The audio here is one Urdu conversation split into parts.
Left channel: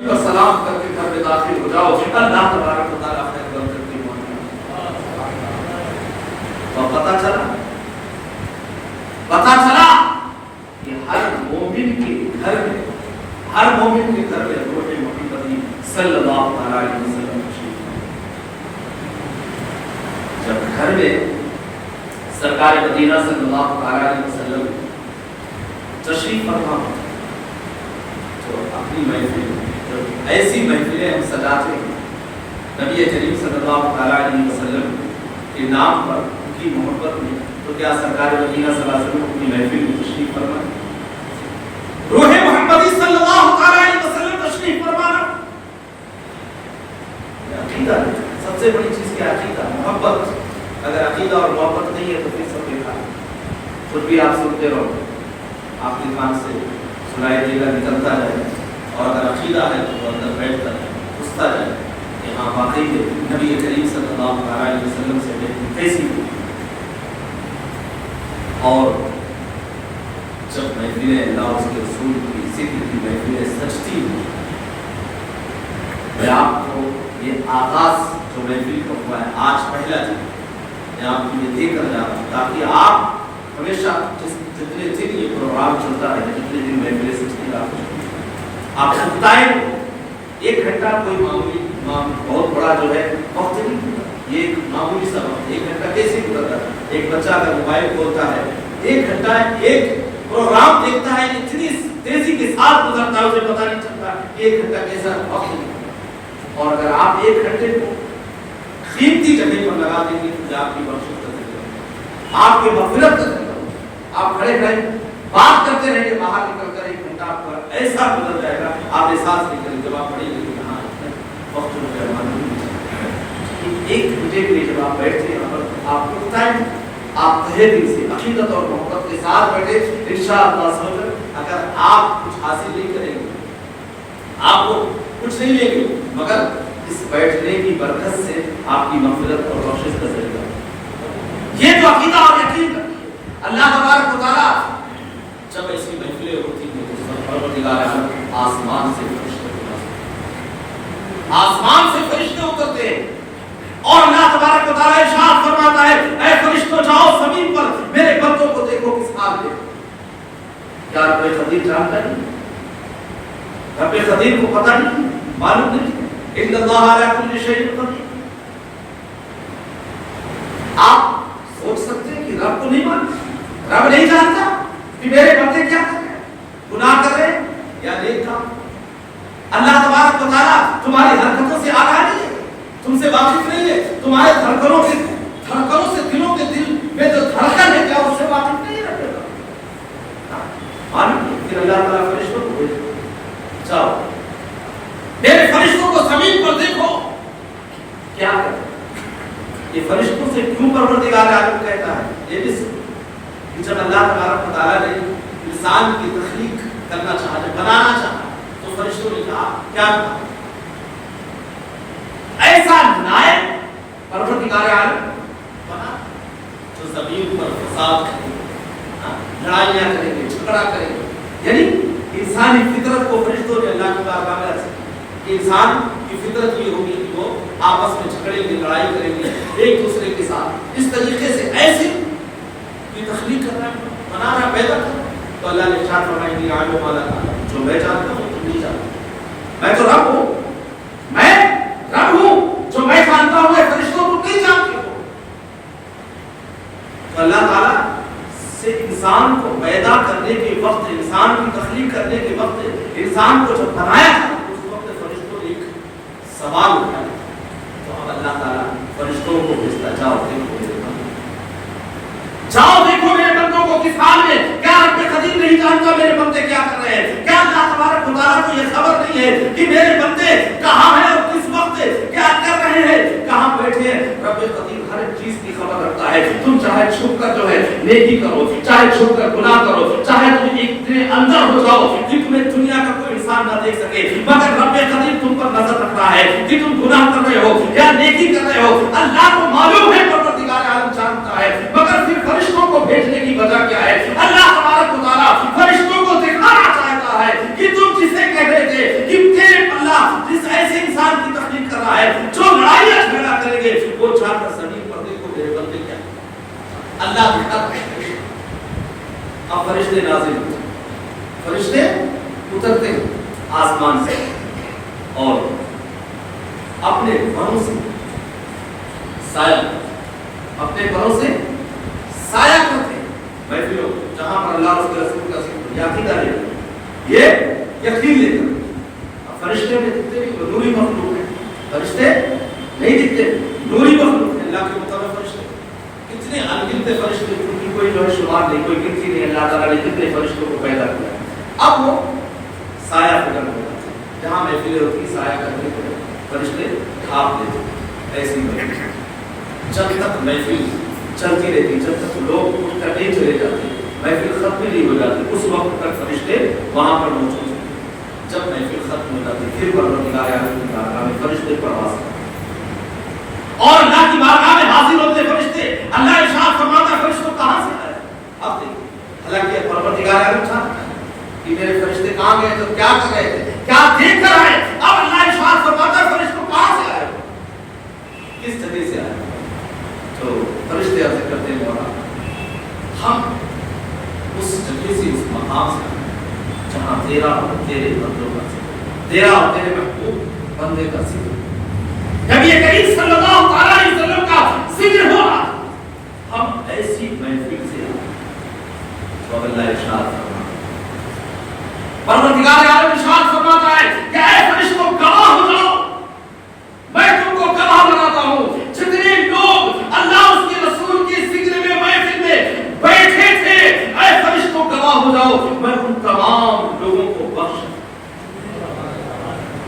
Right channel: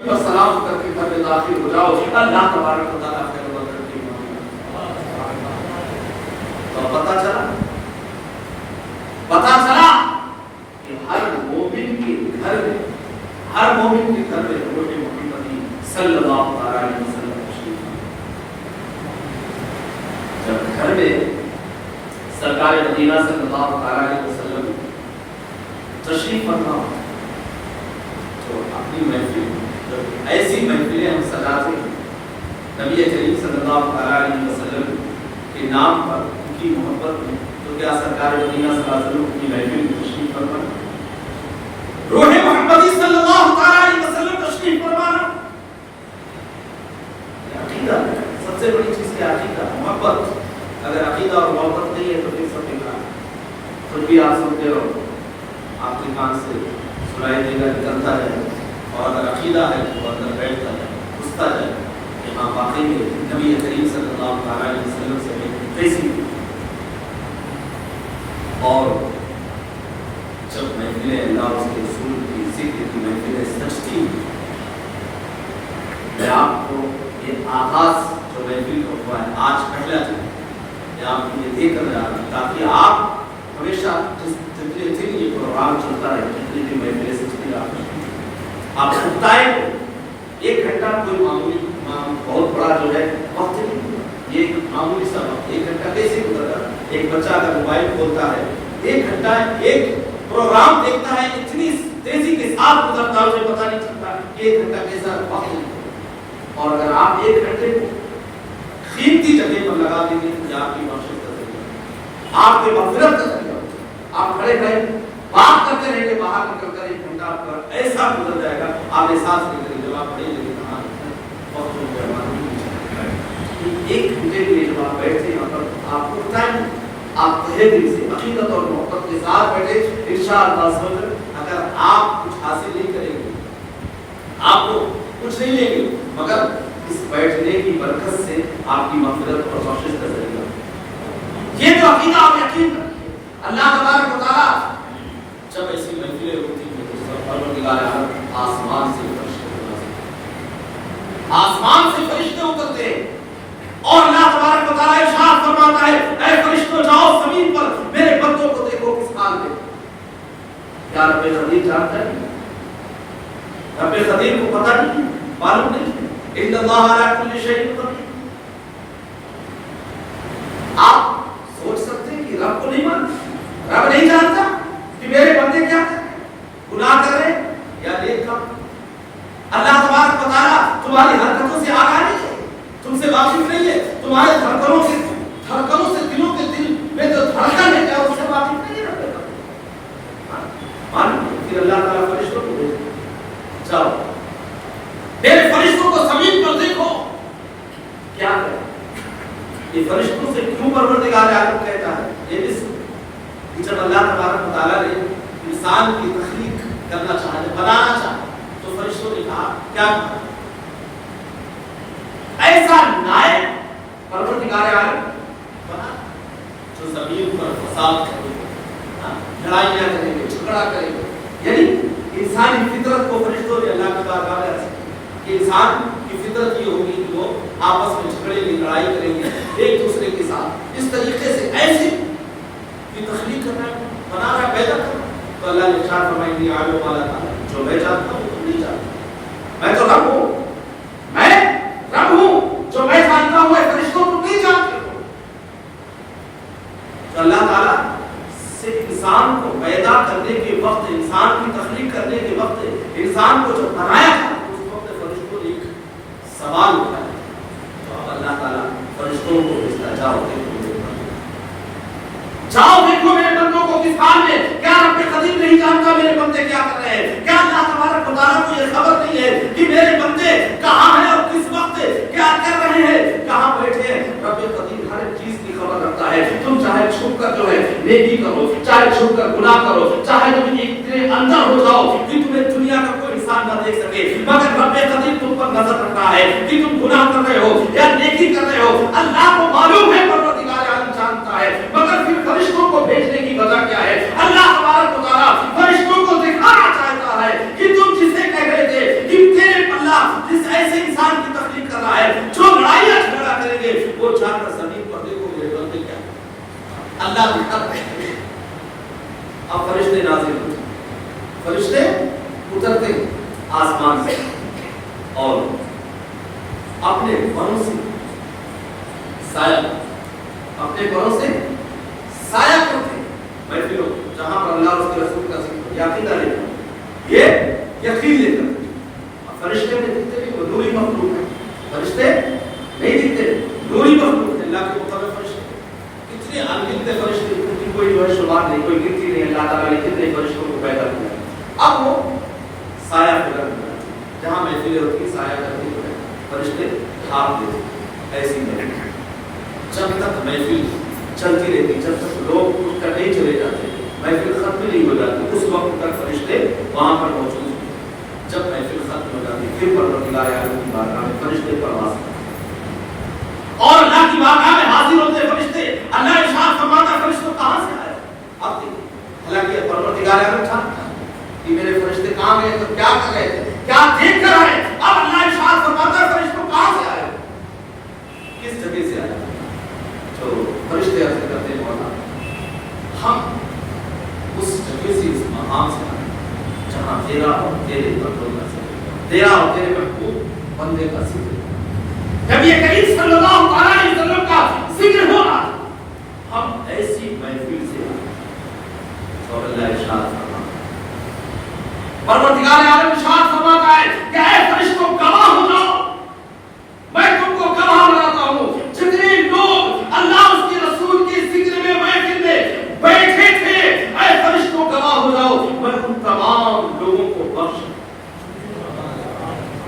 اور سلام کر کے گھر میں داخل ہو جاؤ، اللہ تبارک و تعالیٰ خیر و برکت کی اور پتہ چلا کہ ہر مومن کے گھر میں روح محمدی صلی اللہ علیہ وسلم تشریف ہے۔ جب گھر میں سرکار مدینہ صلی اللہ علیہ وسلم تشریف فرما تو اپنی محفل ایسی محفلیں ہم سجاتے ہیں نبی کریم صلی اللہ علیہ وسلم کے نام پر، ان کی محبت میں، تو کیا سرکار مدینہ صلی اللہ علیہ وسلم کی محفل میں تشریف فرما، روح محمدی صلی اللہ علیہ وسلم تشریف فرمانا، عقیدہ سب سے بڑی چیز کیا؟ عقیدہ، محبت۔ اگر عقیدہ اور محبت نہیں ہے تو پھر سب بیکار، جب بھی آپ سنتے رہو آپ کے کان سے سنائی دے گا، نکلتا جائے، اور اگر عقیدہ ہے تو اندر بیٹھتا ہے، گھستا جائے کہ ہاں واقعی میں نبی کریم صلی اللہ علیہ وسلم سے بیٹھی کیسی ہوئی۔ اور جب محفلیں اللہ اس کے رسول کی ذکر کی محفلیں سجتی ہیں، میں آپ کو یہ آغاز جو محفل کا ہوا ہے آج پہلا جو میں آپ کو یہ دے کر جا رہا ہوں تاکہ آپ ہمیشہ جتنے دن یہ پروگرام چلتا ہے، جتنے دن محفلیں سجتی ہیں، آپ بتائیں ایک گھنٹہ کوئی معمولی بہت بڑا جو ہے وقت نہیں، یہ ایک معمولی سا وقت، ایک گھنٹہ کیسے گزرتا ہے؟ ایک بچہ اگر موبائل کھولتا ہے، ایک گھنٹہ ایک پروگرام دیکھتا ہے، اتنی تیزی کے ساتھ گزرتا ہے، اسے پتہ نہیں چلتا ایک گھنٹہ کیسا وقت نہیں۔ اور اگر آپ ایک گھنٹے قیمتی جگہ پر لگا دیں گے تو آپ کی بخشش کا ذریعہ، آپ کی مغفرت کا ذریعہ، آپ کھڑے کھڑے بات کرتے رہیں گے، باہر نکل کر ایک گھنٹہ پر ایسا گزر جائے گا آپ احساس نہیں کریں گے۔ جب آپ پڑھیں گے کہاں وقت جو ہے ایک گھنٹے کے لیے جب آپ بیٹھتے ہیں پر آپ کو بتائیں آپ تہہ دل سے عقیدت اور محبت کے ساتھ بیٹھے، انشاءاللہ سمجھ اگر آپ کچھ حاصل نہیں کریں گے، آپ کو کچھ نہیں لیں گے، مگر اس بیٹھنے کی برکت سے آپ کی مغفرت اور بخشش کا ذریعہ یہ جو عقیدہ اور یقین رکھیے۔ اللہ تبارک و تعالیٰ جب ایسی محفلیں ہوتی ہیں تو پروردگار عالم آسمان سے فرشتے اترتے ہیں اور اللہ تبارک و تعالیٰ ارشاد فرماتا ہے اے فرشتوں جاؤ زمین پر میرے بندوں کو دیکھو کس حال میں۔ کیا رب قدیر جانتا ہے؟ رب قدیر کو پتہ نہیں، معلوم نہیں ان اللہ علی کل شیء قدیر۔ آپ سوچ سکتے ہیں کہ رب کو نہیں معلوم، رب نہیں جانتا کہ میرے بندے کیا کر رہے ہیں، گناہ کر رہے ہیں یا نیک کام۔ اللہ تبارک و تعالیٰ تمہاری حرکتوں سے آگاہ نہیں ہے، تم سے واقف نہیں ہے، تمہارے دھڑکنوں سے دلوں کے دل میں جو دھڑکن ہے کیا اس سے واقف نہیں ہے؟ معلوم ہے کہ اللہ تعالیٰ فرشتوں کو بھیجے، جاؤ میرے فرشتوں کو زمین پر دیکھو کیا کریں۔ یہ فرشتوں سے کیوں پروردگار عالم کہتا ہے؟ یہ بھی سن کہ جب اللہ تبارک و تعالیٰ نے انسان کی تخلیق کرنا چاہا، بنانا چاہا، تو فرشتوں نے کہا کیا کہا؟ ایسا نائب پروردگار عالم بنا جو زمین پر فساد کرے گا، لڑائیاں کریں گے، جھگڑا کریں گے۔ یعنی انسانی فطرت کو فرشتوں نے اللہ کی بارگاہ میں رکھا کہ انسان کی فطرت یہ ہوگی کہ وہ آپس میں جھگڑیں گے، لڑائی کریں گے ایک دوسرے کے ساتھ۔ اس طریقے سے ایسے تخلیق کرنا ہے، بنانا ہے، پیدا کرنا ہے۔ تو اللہ نے ارشاد فرمایا انی اعلم ما لا تعلمون، جو میں جانتا ہوں تم نہیں جانتے، میں تو رب ہوں، میں رب ہوں، جو میں جانتا ہوں اے فرشتوں تم نہیں جانتے ہو۔ تو اللہ تعالیٰ سے انسان کو پیدا کرنے کے وقت، انسان کی تخلیق کرنے کے وقت، انسان کو جب بنایا تھا اس وقت فرشتوں نے ایک سوال اٹھایا، تو اب اللہ تعالیٰ فرشتوں کو بھیجتا، جاؤ دیکھو میرے بندوں، جاؤ دیکھو میرے بندوں کو کس حال میں۔ کیا رب قدیر نہیں جانتا میرے بندے کیا کر رہے ہیں؟ کیا اللہ تبارک و تعالیٰ کو یہ خبر نہیں ہے کہ میرے بندے کہاں ہیں اور کس وقت کیا کر رہے ہیں، کہاں بیٹھے ہیں؟ رب قدیر ہر ایک چیز کی خبر رکھتا ہے۔ تم چاہے چھپ کر جو ہے نیکی کرو، چاہے چھپ کر گناہ کرو، چاہے تم اتنے اندر ہو جاؤ کہ تمہیں دنیا کا کوئی انسان نہ دیکھ سکے، مگر رب قدیر تم پر نظر رکھ رہا ہے کہ تم گناہ کر رہے ہو یا نیکی کر رہے ہو۔ اللہ کو معلوم ہے، پروردگار عالم جانتا ہے، مگر پھر فرشتوں کو بھیجنے کی وجہ کیا ہے؟ اللہ تبارک و تعالیٰ فرشتوں کو دکھانا چاہتا ہے کہ تم جسے کہہ رہے تھے کہ اللہ اب فرشتے نازل ہوتے، فرشتے اترتے آسمان سے اور اپنے پروں سے سایہ، اپنے پروں سے سایہ کرتے محفلوں جہاں پر اللہ اور اس کے رسول کا ذکر، یہ عقیدہ لے کر، یہ یقین لے کر۔ فرشتے نہیں دکھتے بھی نوری مخلوق ہے، فرشتے نہیں دکھتے نوری مخلوق ہے اللہ کے مطابق۔ فرشتے کتنے انگنت فرشتے، ان کی کوئی جو ہے شمار نہیں، کوئی گنتی نہیں، اللہ تعالیٰ نے کتنے فرشتوں کو پیدا کیا۔ اب وہ سایہ فکر ہوتا ہے، جہاں محفلیں ہوتی سایہ کرتے ہوئے فرشتے کھاپ لیتے، ایسی محفل جب تک محفل چلتی رہتی، جب تک لوگ اٹھ کر نہیں چلے جاتے، محفل ختم نہیں ہو جاتی، اس وقت تک فرشتے وہاں پر موجود ہیں۔ جب محفل ختم ہو جاتی پھر پروردگار عالم کی بارگاہ میں فرشتے پرواز کرتے اور اللہ کی بارگاہ میں حاضر ہوتے فرشتے۔ اللہ ارشاد فرماتا ہے فرشتوں کہاں سے آئے؟ اب دیکھیں حالانکہ پروردگار عالم جانتا ہے کہ میرے فرشتے کہاں گئے تو کیا کر رہے تھے، کیا دیکھ کر آئے۔ اب اللہ ارشاد فرماتا ہے فرشتوں کہاں سے آئے، کس جگہ سے آئے؟ تو فرشتے عرض کرتے ہیں مولا ہم اس جگہ سے، اس مقام سے آئے جہاں تیرا اور تیرے بندوں کا ذکر، تیرا اور تیرے محبوب بندے کا ذکر، نبی کریم صلی اللہ علیہ وسلم کا ذکر ہو رہا، ہم ایسی محفل سے آئے۔ تو اللہ ارشاد پروردگار عالم ارشاد فرماتا ہے کہ اے فرشتوں گواہ ہو جاؤ، میں تم کو گواہ بناتا ہوں، جتنے لوگ اللہ اس کے رسول کے ذکر میں محفل میں بیٹھے تھے، اے فرشتوں گواہ ہو جاؤ، میں ان تمام لوگوں کو بخش،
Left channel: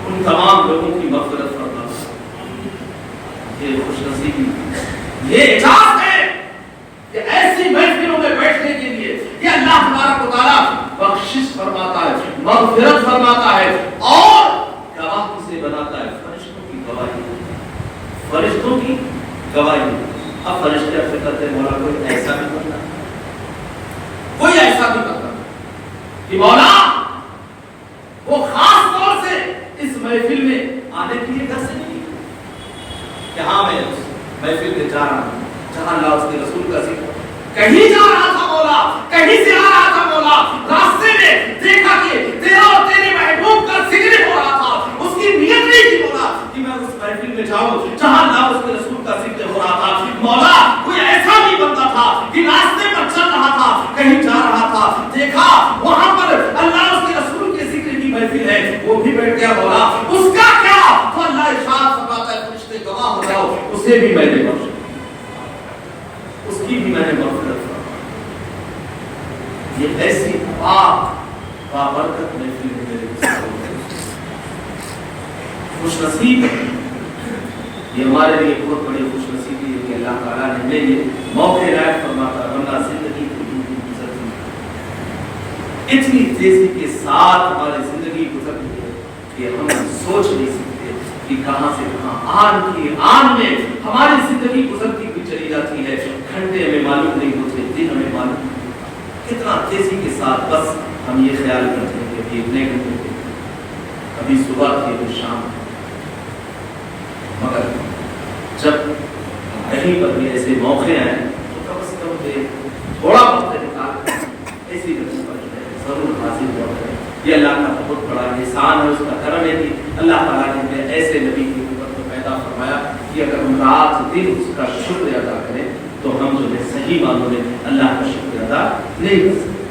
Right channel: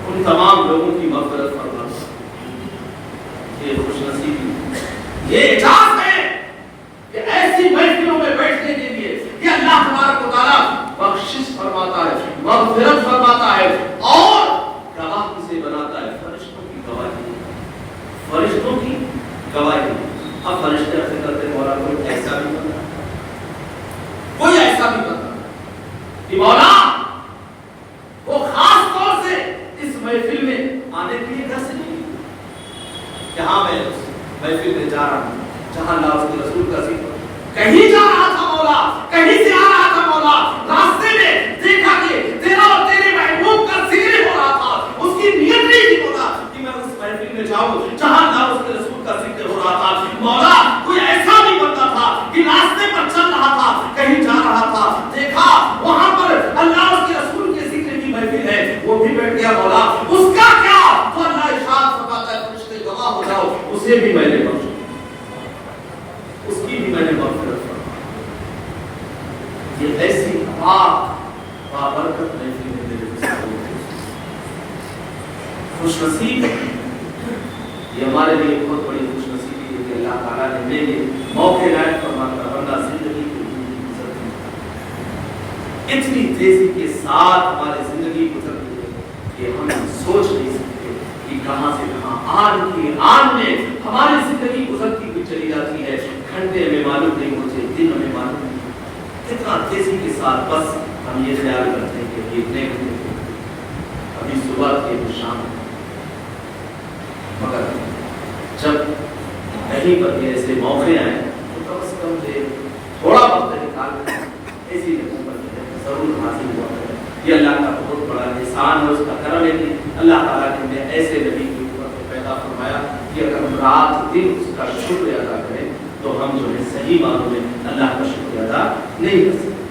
ان تمام لوگوں کی مغفرت فرما۔ یہ خوش نصیبی، یہ اعجاز ہے کہ ایسی محفلوں میں بیٹھنے کے لیے کہ اللہ تبارک و تعالیٰ بخشش فرماتا ہے، مغفرت فرماتا ہے اور گواہ کسے بناتا ہے؟ فرشتوں کی گواہی، فرشتوں کی گواہی۔ اب فرشتے اپنے کرتے مولا کوئی ایسا بھی بنتا، کوئی ایسا بھی بنتا کہ مولا وہ خاص طور سے اس محفل میں آنے کے لیے گھر سے نہیں کہ ہاں میں محفل میں جا رہا ہوں جہاں اللہ اس کے رسول کا ذکر، کہیں جا رہا تھا مولا، کہیں سے آ رہا تھا مولا، راستے میں دیکھا کہ تیرا اور تیرے محبوب کا ذکر ہو رہا تھا، اس کی نیت نہیں تھی مولا کہ میں اس محفل میں جاؤں جہاں اللہ اس کے رسول کا ذکر ہو رہا تھا۔ مولا کوئی ایسا بھی بندہ تھا کہ راستے پر چل رہا تھا، کہیں جا رہا تھا، دیکھا وہاں پر اللہ اس کے رسول کے ذکر کی محفل ہے، وہ بھی بیٹھ گیا مولا، اس کا کیا؟ تو اللہ ارشاد فرماتا ہے فرشتے گواہ ہو جاؤ، اسے بھی میں نے بخشا، اس کی بھی میں نے مغفرت فرمائی۔ یہ ایسی پاک بابرکت محفل ہے میرے خوش نصیب ہے، یہ ہمارے لیے بہت بڑی خوش نصیبی ہے کہ اللہ تعالیٰ نے ہمیں یہ موقع عنایت فرماتا، ورنہ زندگی تو یوں ہی گزرتی ہے، اتنی تیزی کے ساتھ ہماری زندگی گزرتی ہے کہ ہم سوچ نہیں سکتے کہ کہاں سے کہاں آن کی آن میں ہماری زندگی گزرتی ہوئی چلی جاتی ہے، گھنٹے ہمیں معلوم نہیں ہوتے، دن ہمیں معلوم نہیں ہوتے، کتنا تیزی کے ساتھ بس ہم یہ خیال کرتے ہیں کہ ایک نئے گھنٹے ابھی صبح تھی ابھی شام، مگر جب کہیں پر بھی ایسے موقع آئے تو کم از کم تھوڑا وقت نکال ایسی جگہ پر ضرور حاصل ہوا ہے۔ یہ اللہ کا بہت بڑا احسان ہے، اس کا کرم ہے کہ اللہ تعالیٰ نے ہمیں ایسے نبی کے اوپر تو پیدا فرمایا کہ اگر ہم رات دن اس کا شکر ادا کریں تو ہم جو ہے صحیح معنوں میں اللہ کا شکر ادا نہیں کر سکتے۔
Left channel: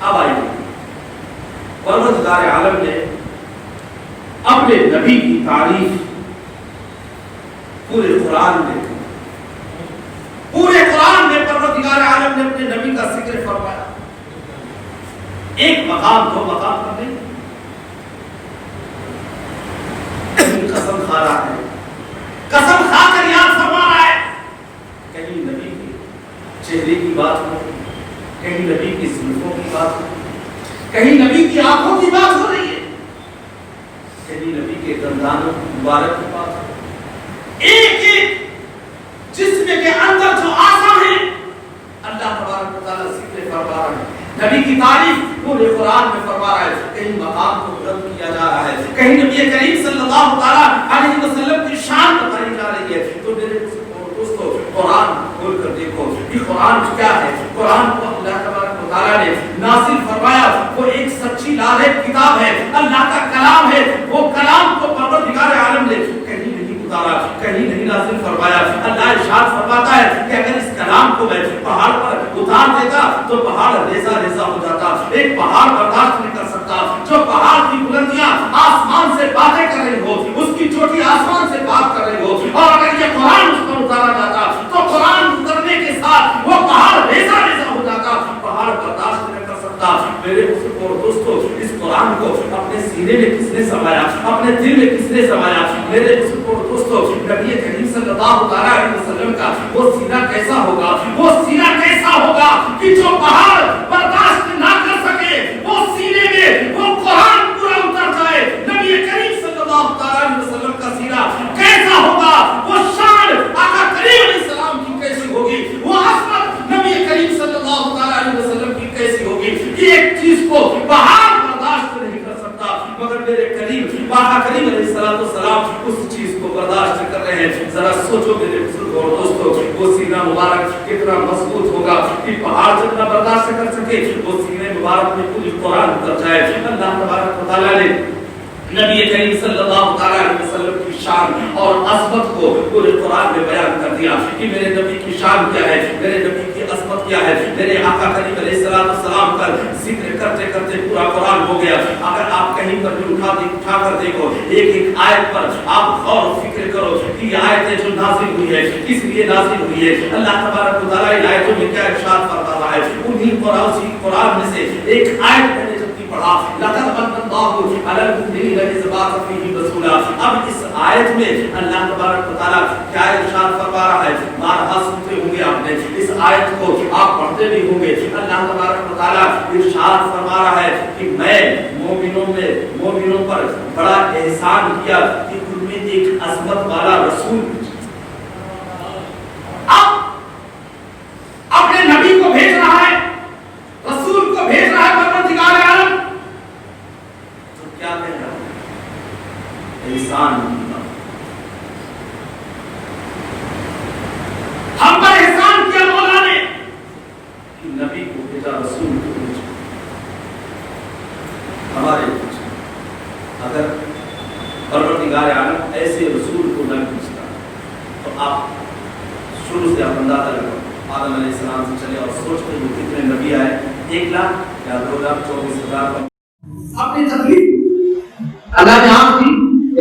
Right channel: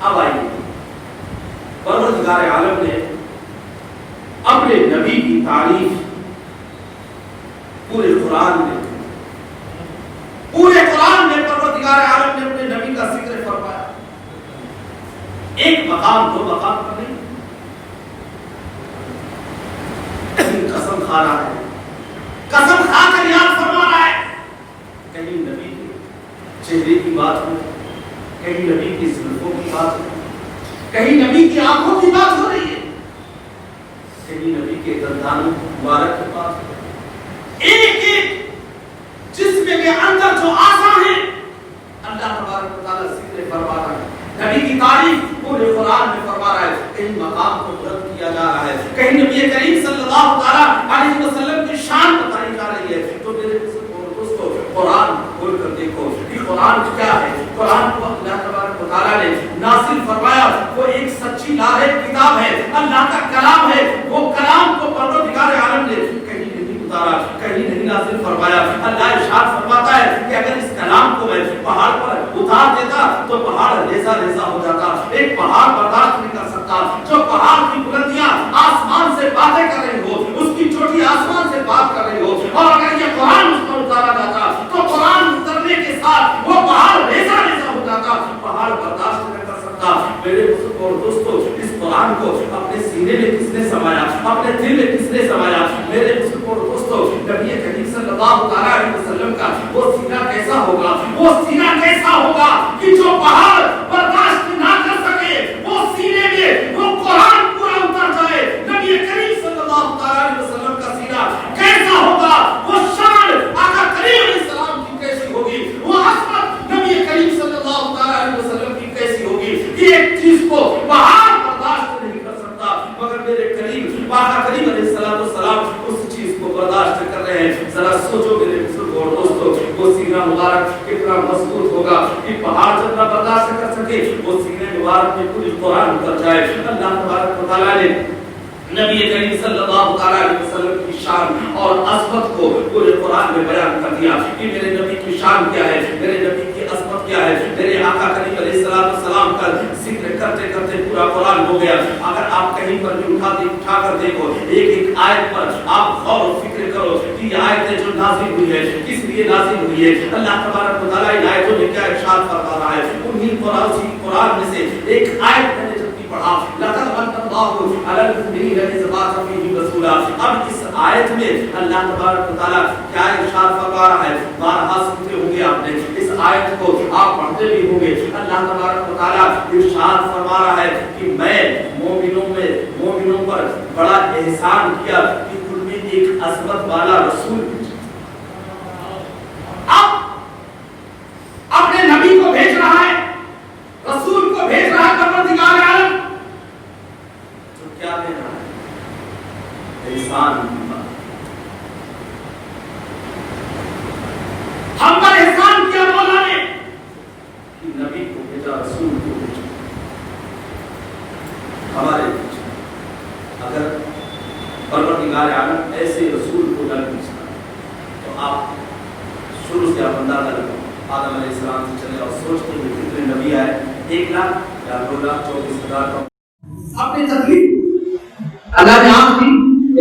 اب آئیے پروردگار عالم نے اپنے نبی کی تعریف پورے قرآن میں پروردگار عالم نے اپنے نبی کا ذکر فرمایا، ایک مقام دو مقام پر نہیں، کہیں قسم کھا رہا ہے، قسم کھا کر یاد فرما رہا ہے، کہیں نبی کے چہرے کی بات ہو، کہیں نبی کی زلفوں کی بات ہو، کہیں نبی کی آنکھوں کی بات ہو رہی ہے، کہیں نبی کے دندانوں مبارک کی بات ہو، ایک ایک جسم کے اندر جو آسا ہے اللہ تبارک و تعالیٰ ذکر فرما رہا ہے، نبی کی تعریف پورے قرآن میں فرما رہا ہے، کہیں مقام کو بلند کیا جا رہا ہے، کہیں نبی کریم صلی اللہ تعالیٰ علیہ وسلم کی شان بتائی جا رہی ہے۔ تو میرے دوستو قرآن کھول کر دیکھو کہ قرآن کیا ہے، قرآن کو اللہ تبارک و تعالیٰ تعالیٰ نے نازل فرمایا وہ ایک سچی لاہ کتاب ہے، اللہ کا کلام ہے. وہ کلام کو پروردگار عالم نے کہیں نہیں اتارا، کہیں نہیں نازل فرمایا. اللہ ارشاد فرماتا ہے کہ اگر اس کلام کو میں پہاڑ پر اتار دیتا تو پہاڑ ریزہ ریزہ ہو جاتا. ایک پہاڑ برداشت نہیں کر سکتا. جو پہاڑ کی بلندیاں آسمان سے باتیں کر رہی ہو، اس کی چوٹی آسمان سے بات کر رہی ہو، اور اگر یہ قرآن اس پر اتارا جاتا تو قرآن اترنے کے ساتھ وہ پہاڑ ریزہ ریزہ ہو جاتا. پہاڑ برداشت نہیں کر سکتا. میرے دوستو، اس قرآن کو اپنے سینے میں کس نے سمایا، اپنے دل میں کس نے سمایا؟ میرے دوستو، نبی کریم صلی اللہ علیہ وسلم کا وہ سینہ کیسا ہوگا؟ وہ سینہ کیسا ہوگا کہ جو پہاڑ برداشت نہ کر سکے وہ سینے میں وہ قرآن پورا اتر جائے. نبی کریم صلی اللہ علیہ وسلم کا سینہ کیسا ہوگا؟ وہ شان آقا کریم علیہ السلام کی کیسی ہوگی؟ وہ عظمت نبی کریم صلی اللہ علیہ وسلم کی کیسی ہوگی؟ یہ ایک چیز کو پہاڑ برداشت نہیں کر سکتا، مگر میرے کریم آقا کریم علیہ السلام اس چیز کو برداشت کر رہے ہیں. ذرا سوچو میرے بزرگ اور دوستو، وہ سینہ مبارک کتنا مضبوط ہوگا کہ پہاڑ جتنا برداشت کر سکے وہ سینے مبارک میں پوری قرآن اتر جائے. اللہ تبارک و تعالیٰ نے نبی کریم صلی اللہ علیہ وسلم کی شان اور عظمت کو پورے قرآن میں بیان کر دیا کہ میرے نبی کی شان کیا ہے، میرے نبی کی عظمت کیا ہے. میرے آقا کریم علیہ السلام کا ذکر کرتے کرتے پورا قرآن ہو گیا. اگر آپ کہیں پر بھی اٹھا کر دیکھو، ایک ایک آیت پر آپ غور و فکر کرو کہ یہ آیتیں جو نازل ہوئی ہے کس لیے نازل ہوئی ہے. اللہ تبارک و تعالیٰ ان آیتوں میں کیا ارشاد فرما رہا ہے؟ انہی قرآن میں سے ایک آیت میں نے جب کی پڑھا، لقد من اللہ علی المؤمنین اذ بعث فیہم رسولا. اب اس آیت میں اللہ تبارک و تعالیٰ کیا ارشاد فرما رہا ہے؟ بارہا سنتے ہوں گے آپ نے، اس آیت کو آپ پڑھتے بھی ہوں گے. اللہ تبارک و تعالیٰ ارشاد فرما رہا ہے کہ میں مومنوں پر بڑا احسان کیا کہ ان میں ایک عظمت والا رسول اب اپنے نبی کو بھیج رہا ہے، رسول کو بھیج رہا ہے پروردگار عالم. تو کیا کہہ رہا ہے؟ احسان. ہم پر احسان کیا مولا نے کہ نبی کو بھیجا، رسول کو بھیجا ہمارے پیچھے. اگر پروردگار عالم ایسے رسول کو نہ بھیجتا تو آپ شروع سے آپ اندازہ لگاؤ، آدم علیہ السلام سے چلے اور سوچتے ہوئے کتنے نبی آئے، 1,00,000 یا 2,24,000 اپنی تکلیف اللہ نے آپ کی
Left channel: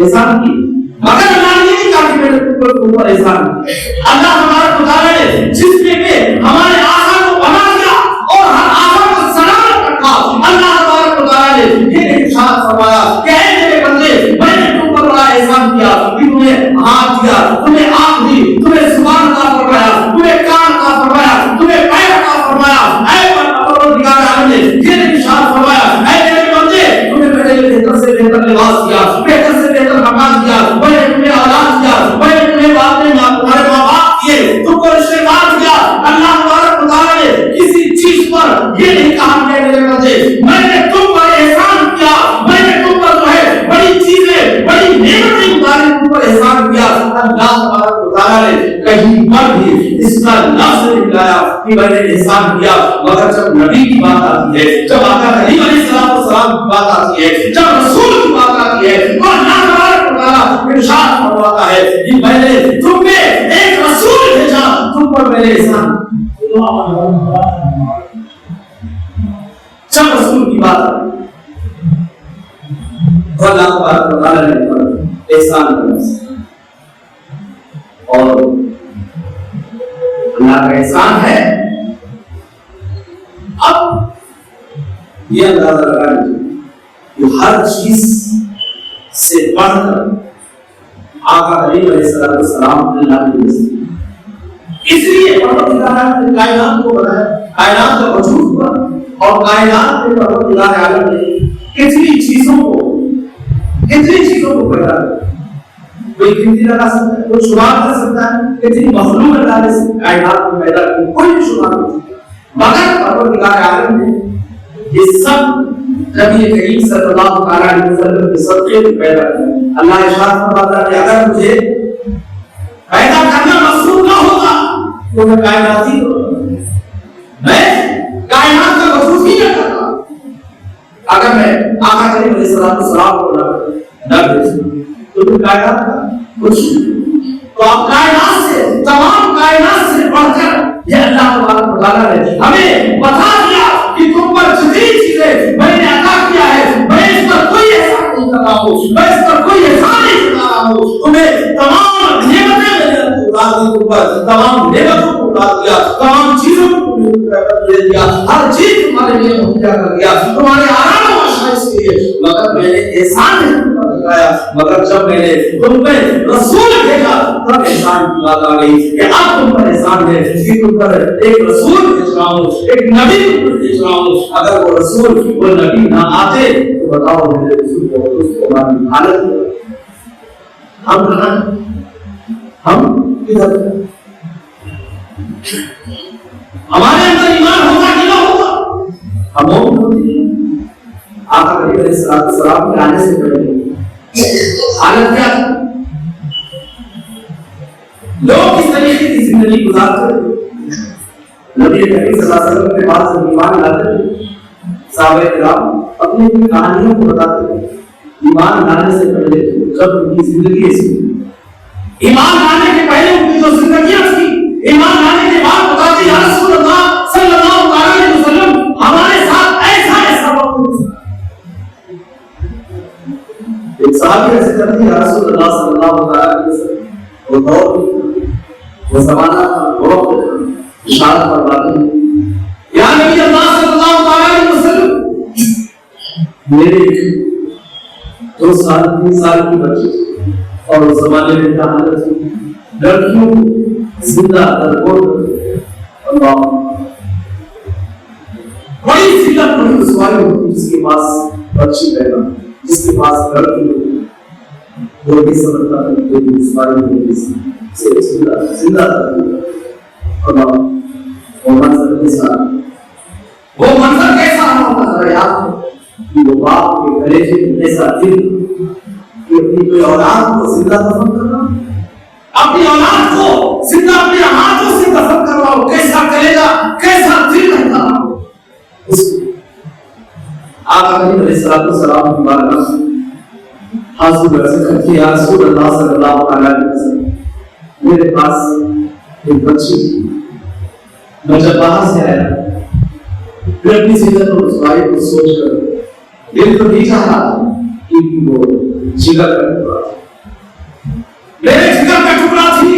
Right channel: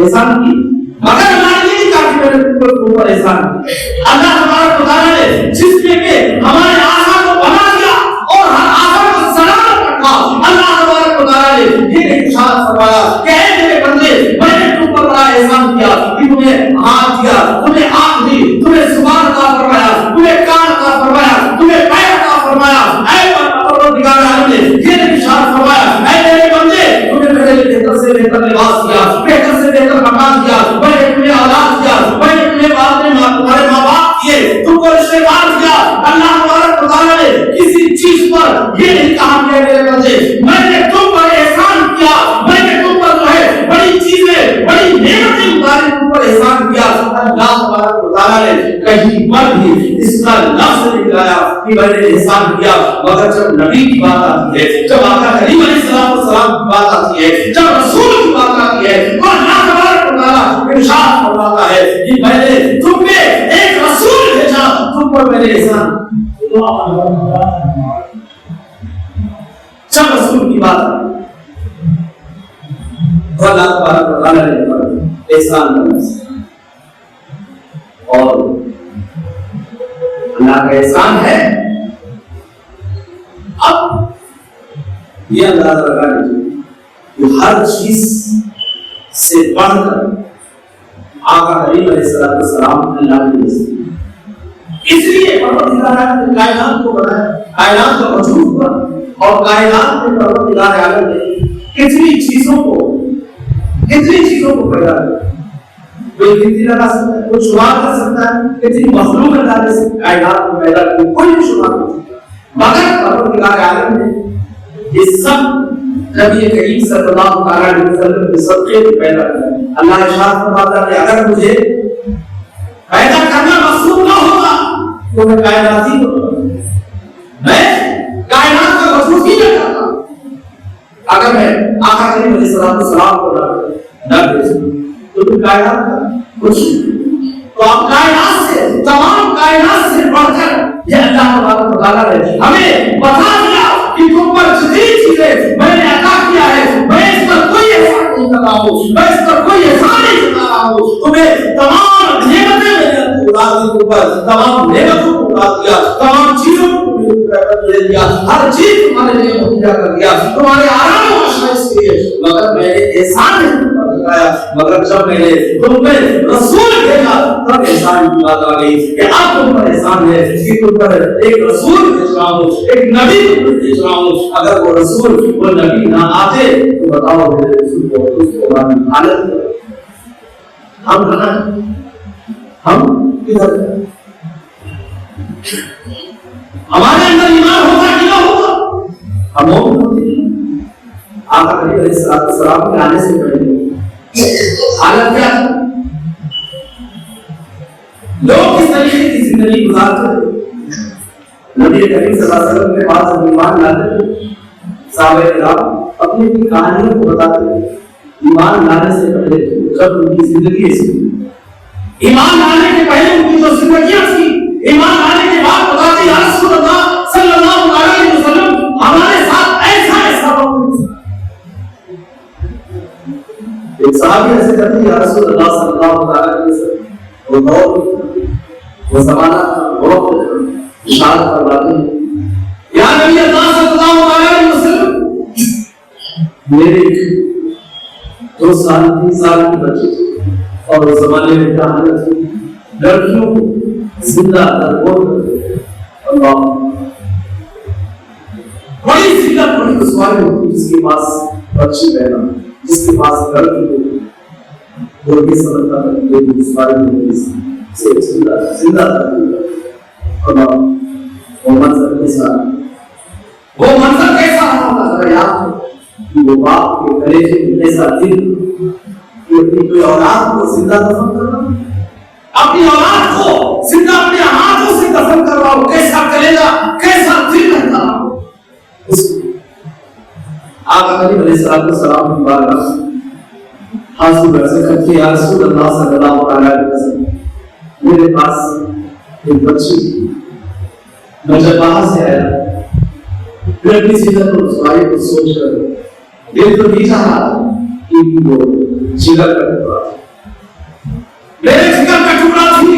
احسان کی. مگر اللہ نے نہیں کہا کہ میں نے اوپر احسان کیا. اللہ تبارک و تعالیٰ نے جس میں کہ ہمارے آقا کو بنا دیا اور ہر آقا کو سلامت رکھا، اللہ تبارک و تعالیٰ نے یہ ارشاد فرمایا کہ اے میرے بندے، میں نے تم پر بڑا احسان کیا کہ تمہیں ہاتھ دیا، تمہیں آنکھ دی، تمہیں زبان عطا فرمایا، تمہیں کان عطا فرمایا، تمہیں پیر عطا فرمایا. اے پروردگار عالم نے یہ ارشاد فرمایا اے میرے بندے، تمہیں میں نے بہتر سے بہتر لباس دیا، بہتر سے بہتر مکان دیا، میں نے تمہیں اولاد دیا، میں نے تمہیں تمہارے ماں باپ دیے، تم کو رشتے دار دیا. اللہ تبارک و تعالیٰ نے کسی چیز پر یہ نہیں کہا کہ میرے بندے میں نے تم پر احسان کیا، میں نے تم پر جو ہے بڑی چیزیں بڑی نعمتیں اتاری، تم پر احسان کیا. اللہ تبارک و تعالیٰ نے کہیں پر بھی اس کا لفظ نہیں لایا کہ میں نے احسان کیا. مگر جب نبی کی بات آتی ہے، جب آقا کریم علیہ السلام کی بات آتی ہے، جب رسول کی بات آتی ہے تو اللہ تبارک و تعالیٰ ارشاد فرماتا ہے کہ میں نے تم میں ایک رسول بھیجا، تم پر میں نے احسان. جب رسول کی بات آتی تو اللہ تبارک و تعالیٰ نے احسان کرنا اور اللہ کا احسان ہے. اب یہ اندازہ لگا لیجیے کہ ہر چیز سے بڑھ کر آقا کریم علیہ السلام اللہ نے رسول، اس لیے پروردگار عالم نے کائنات کو بنایا، کائنات کا وجود ہوا اور کائنات میں پروردگار عالم نے کتنی چیزوں کو پیدا کیا. کوئی گنتی لگا سکتا ہے، کوئی شمار کر سکتا ہے کتنی مخلوق اللہ نے کائنات کو پیدا کی، کوئی بھی شمار نہیں سکتا. مگر پروردگار عالم نے یہ سب نبی کریم صلی اللہ علیہ وسلم کے صدقے سے پیدا کیا. اللہ ارشاد فرماتا ہے کہ اگر مجھے پیدا کرنا مقصود نہ ہوتا تو میں کائنات کا وجود اگر میں آقا کریم علیہ السلام کو نہ بھیجوں تو کائنات کا کچھ تو آپ کائنات سے تمام کائنات سے بڑھ کر یہ اللہ تبارک و تعالیٰ نے ہمیں بتا دیا کہ تم پر جتنی چیزیں میں نے عطا کیا ہے میں اس پر کوئی احسان نہیں کر رہا ہوں، میں اس پر کوئی احسان نہیں جتا رہا ہوں، تمہیں تمام نعمتیں میں نے اڑا دی، تم پر تمام نعمتوں کو اڑا دیا، تمام چیزوں کو دے دیا، ہر چیز تمہارے لیے مہیا کر دیا، تمہارے آرام و آسائش کے لیے، مگر میں نے احسان نہیں تم پر دکھایا، مگر جب میں نے تم پہ رسول بھیجا تب احسان کی بات آ گئی کہ اب تم پر احسان ہے کہ تم پر ایک رسول بھیج رہا ہوں، ایک نبی تم پر بھیج رہا ہوں، اگر وہ رسول وہ نبی نہ آتے تو بتاؤ میرے رسول کو اس کو ہماری حالت ہم کہاں ہم کدھر ہمارے اندر ایمان ہوتا کہ نہ ہوتا ہم مومن ہوتے ہیں۔ آقا کریم علیہ السلام کے آنے سے پہلے حالت کیا تھا؟ لوگ کس طریقے کی زندگی گزارتے تھے؟ نبی کریم صلی اللہ علیہ وسلم کے پاس جب ایمان لاتے تھے صحابہ کرام اپنی اپنی کہانیوں کو بتاتے تھے۔ ایمان لانے سے پہلے جب ان کی زندگی ایسی ایمان لانے کے پہلے ان کی جو زندگیاں تھی، ایمان لانے کے بعد بتاتے یا رسول اللہ صلی اللہ علیہ وسلم ہمارے ساتھ ایسا ایسا وقت۔ ایک صحابی ایسے کرتے یا رسول اللہ صلی اللہ علیہ وسلم وہ دور وہ زمانہ وقت اشارت فرماتے ہیں یا نبی اللہ صلی اللہ علیہ وسلم میرے 2 سال 3 سال کی بچی تھی اور اس زمانے میں کیا حالت تھی، لڑکیوں کو زندہ درگور کرتے اللہ بڑی ذلت بڑی رسوائی ہوتی جس کے پاس بچی پیدا جس کے پاس لڑکی ہوتی وہ بھی سمجھتا ہے کہ یہ رسوائی ہوتی سے زندہ اللہ وہ منظر کیسا ہوتا ذرا یاد ہو کہ وہ باپ کے کلیجے میں ایسا دل کہ اپنی کوئی اولاد کو زندہ دفن کرنا، اپنی اولاد کو زندہ اپنے ہاتھوں سے دفن کرواؤ، کیسا کلیجہ کیسا دل رہتا ہو۔ آقا کریم علیہ السلام کی بارگاہ حاضر عرض کرتے یا رسول اللہ صلی اللہ علیہ وسلم میرے پاس ایک بچی تھی، میں جب باہر سے آیا پھر اپنی زندگی اور رسوائی کو سوچ کر دل تو نہیں چاہ رہا تھا کہ وہ جگر کا ٹکڑا تھا، میرے جگر کا ٹکڑا تھی،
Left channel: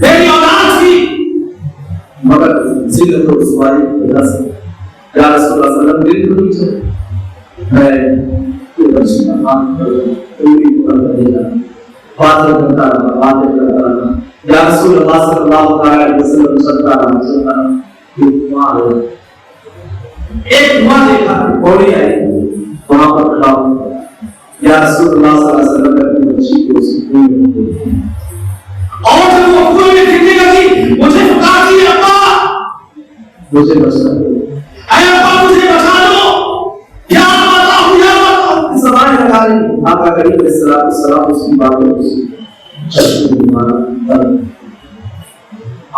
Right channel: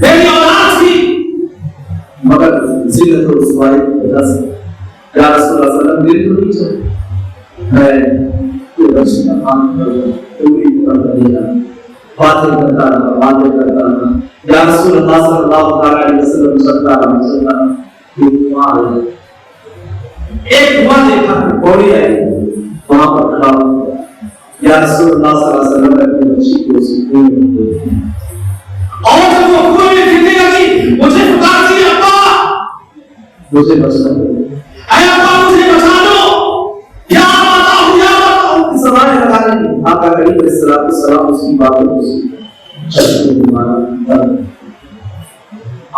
میری اولاد تھی، مگر زندگی اور رسوائی کی وجہ سے یا رسول اللہ صلی اللہ علیہ وسلم دل تو نہیں چاہ میں کوئی بچی کا کام کروں کوئی پورا کر دیا باتیں کرتا رہا یا رسول اللہ صلی اللہ علیہ وسلم چلتا رہا ایک دعا دیکھا پوڑی آئی وہاں پر کھڑا ہوا یا رسول اللہ صلی اللہ علیہ وسلم اپنی بچی کو اسی کنویں میں دیکھا اور جب وہ کنویں میں گرنے لگی مجھے پکار دی ابا مجھے بچنا اے ابا مجھے بچا لو یا ماتا ہوں یا ماتا ہوں اس زمانے لگا رہی آقا کریم علیہ السلام اس کی باتوں کو سن چشمے بیمارا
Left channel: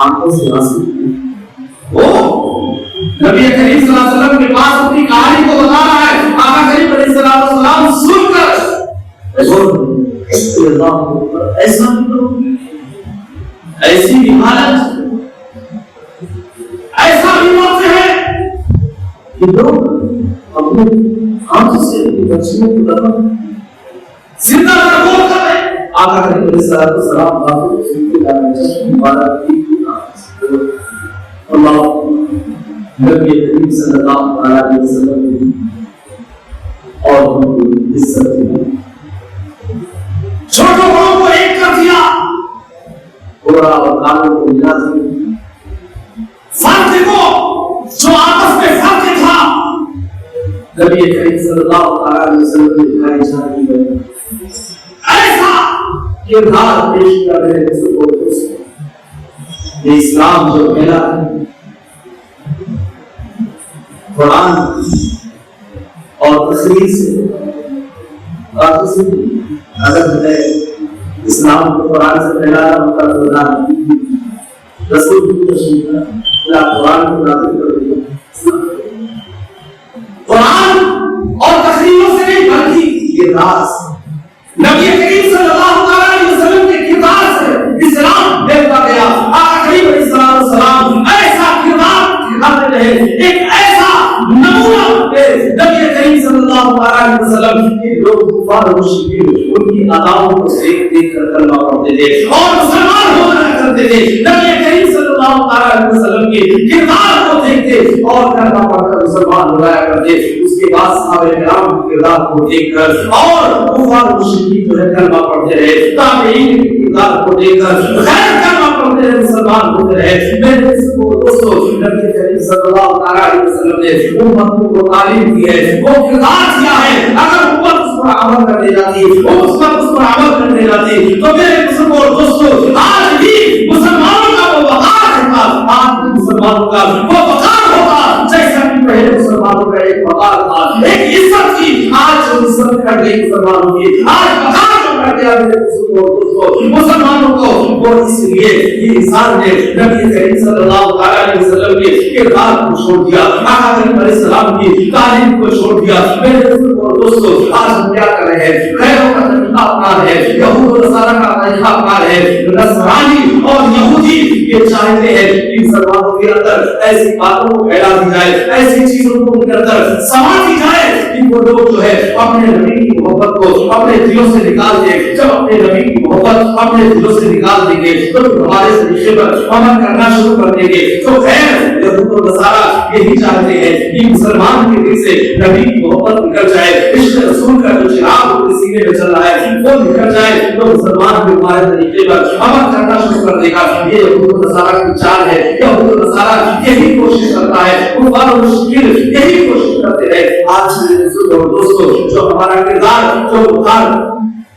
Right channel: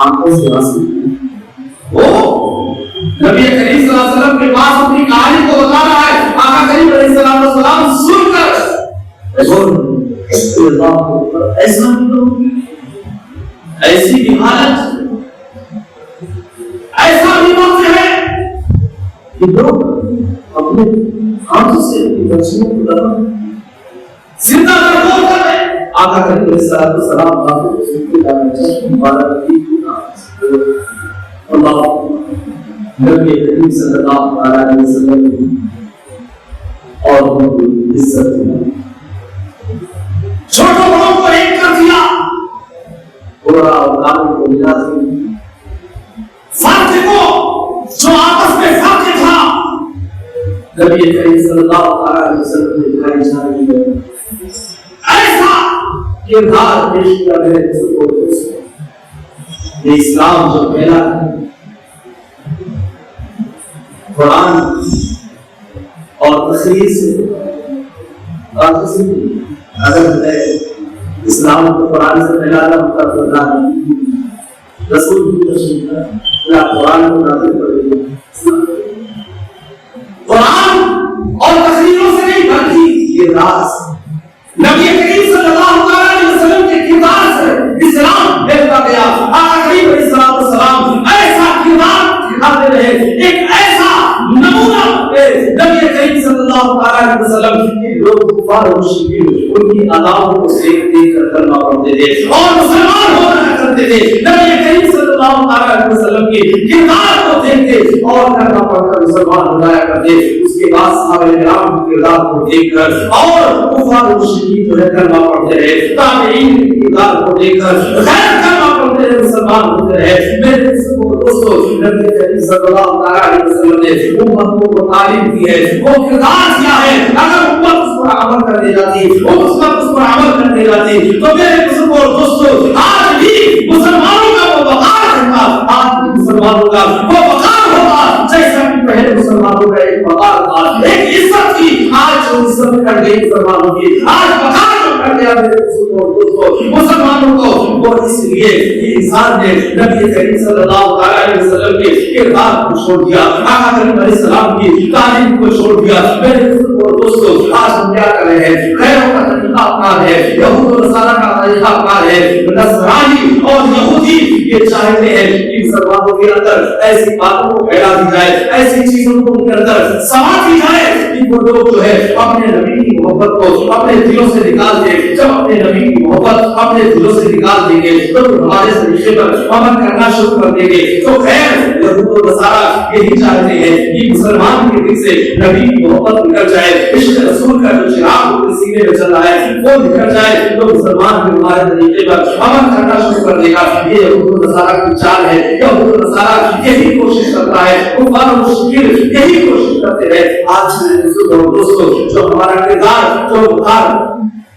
آنکھوں سے آنسو وہ نبی کریم صلی اللہ علیہ وسلم کے پاس اپنی کہانی کو بتا رہا ہے، آقا کریم علیہ السلام سن کر ایسا ایسی بھی حالت ایسا بھی وقت ہے کہ لوگ اپنے ہاتھوں سے اپنی بچیوں کو دفن زندہ درگور کر رہے ہیں۔ آقا کریم علیہ السلام باتوں کو سنتے جانے مبارک اللہ نبی کریم صلی اللہ علیہ وسلم اور ان کی عزت دیا، چھوٹوں بڑوں کو ایک کر دیا، بڑا اور کاموں کو ملا دیا، فرق کو جو آپس میں فرق تھا نبی کریم صلی اللہ علیہ وسلم نے دکھائی جا رہی ہے، ایسا کردار پیش کیا میرے بزرگوں کو یہ اسلام جو پھیلا ہے قرآن اور تقریر سے اگر اسلام کو قرآن سے پھیلانا ہوتا تو رسول کی تشریح قرآن کو نازل کر دیا۔ قرآن کردار سے، نبی کریم صلی اللہ علیہ وسلم کے کردار سے اسلام دیتا گیا۔ آقا کریم علیہ السلام ایسا کردار دکھاتے رہے، ایک ایسا نمونہ نبی کریم صلی اللہ علیہ وسلم کے لوگ کفار و مشرکین ان کی اداؤں کو دیکھ دیکھ کر کلمہ پڑھتے تھے اور مسلمان ہو جایا کرتے تھے۔ نبی کریم صلی اللہ علیہ وسلم کے کردار کو دیکھتے اور کلمہ پڑھ کر مسلمان ہو جایا کرتے۔ اس کے بعد صحابہ کرام کے کردار کو دیکھ کر اور کفار و مشرکین جو ہے کلمہ پڑھتے رہے، تابعین کے کردار کو دیکھ کر غیر کلمہ پڑھتے رہے، مسلمان ہوتے رہے۔ میرے دوستو، نبی کریم صلی اللہ علیہ وسلم نے امت کو تعلیم دی ہے، وہ کردار کیا ہے۔ اگر امت اس پر عمل کرنے جاتی، اس پر عمل کرنے جاتی تو میرے مسلمان دوستو آج بھی مسلمانوں کا وہ وقار رہتا، آج بھی مسلمانوں کا وہ وقار ہوگا جیسا کہ پہلے مسلمانوں کا ایک وقار تھا، ایک عزت کی۔ آج جو عزت کر گئی مسلمانوں کی، آج وقار جو کر گیا میرے مسلمانوں کو، وہ اس لیے یہ انسان نے نبی کریم صلی اللہ علیہ وسلم کے کردار کو چھوڑ دیا، آقا کریم علیہ السلام کی تعلیم کو چھوڑ دیا۔ میرے دوستو آج ہم کیا کر رہے ہیں؟ غیروں کا طریقہ اپنا ہے، یہود و نصارہ کا طریقہ اپنا ہے۔ نصرانی اور یہودی یہ چاہتے ہیں کہ مسلمانوں کے اندر ایسی باتوں کو پھیلا دی جائے، ایسی چیزوں کو ان کے اندر سما دی جائے کہ وہ لوگ جو ہے اپنے نبی کی محبت کو اپنے دلوں سے نکال دیں۔ جب اپنے نبی کی محبت اپنے دلوں سے نکال دیں گے تو ہمارے طریقے پر عمل کرنا شروع کر دیں گے۔ تو خیر یہود و نصارہ یہی چاہتے ہیں کہ مسلمان کے دل سے نبی کی محبت نکل جائے، عشق رسول کا جو چراغ ان کے سینے میں چل رہا ہے وہ نکل جائے تو مسلمان بھی ہمارے طریقے پر عمل کرنا شروع کر دے گا۔ یہ یہود و نصارہ کی چال ہے، یہود و نصارہ یہی کوشش کرتا ہے، کفار و مشرکین یہی کوشش کرتے ہیں۔ آج میرے دوستو جو ہمارا کردار جو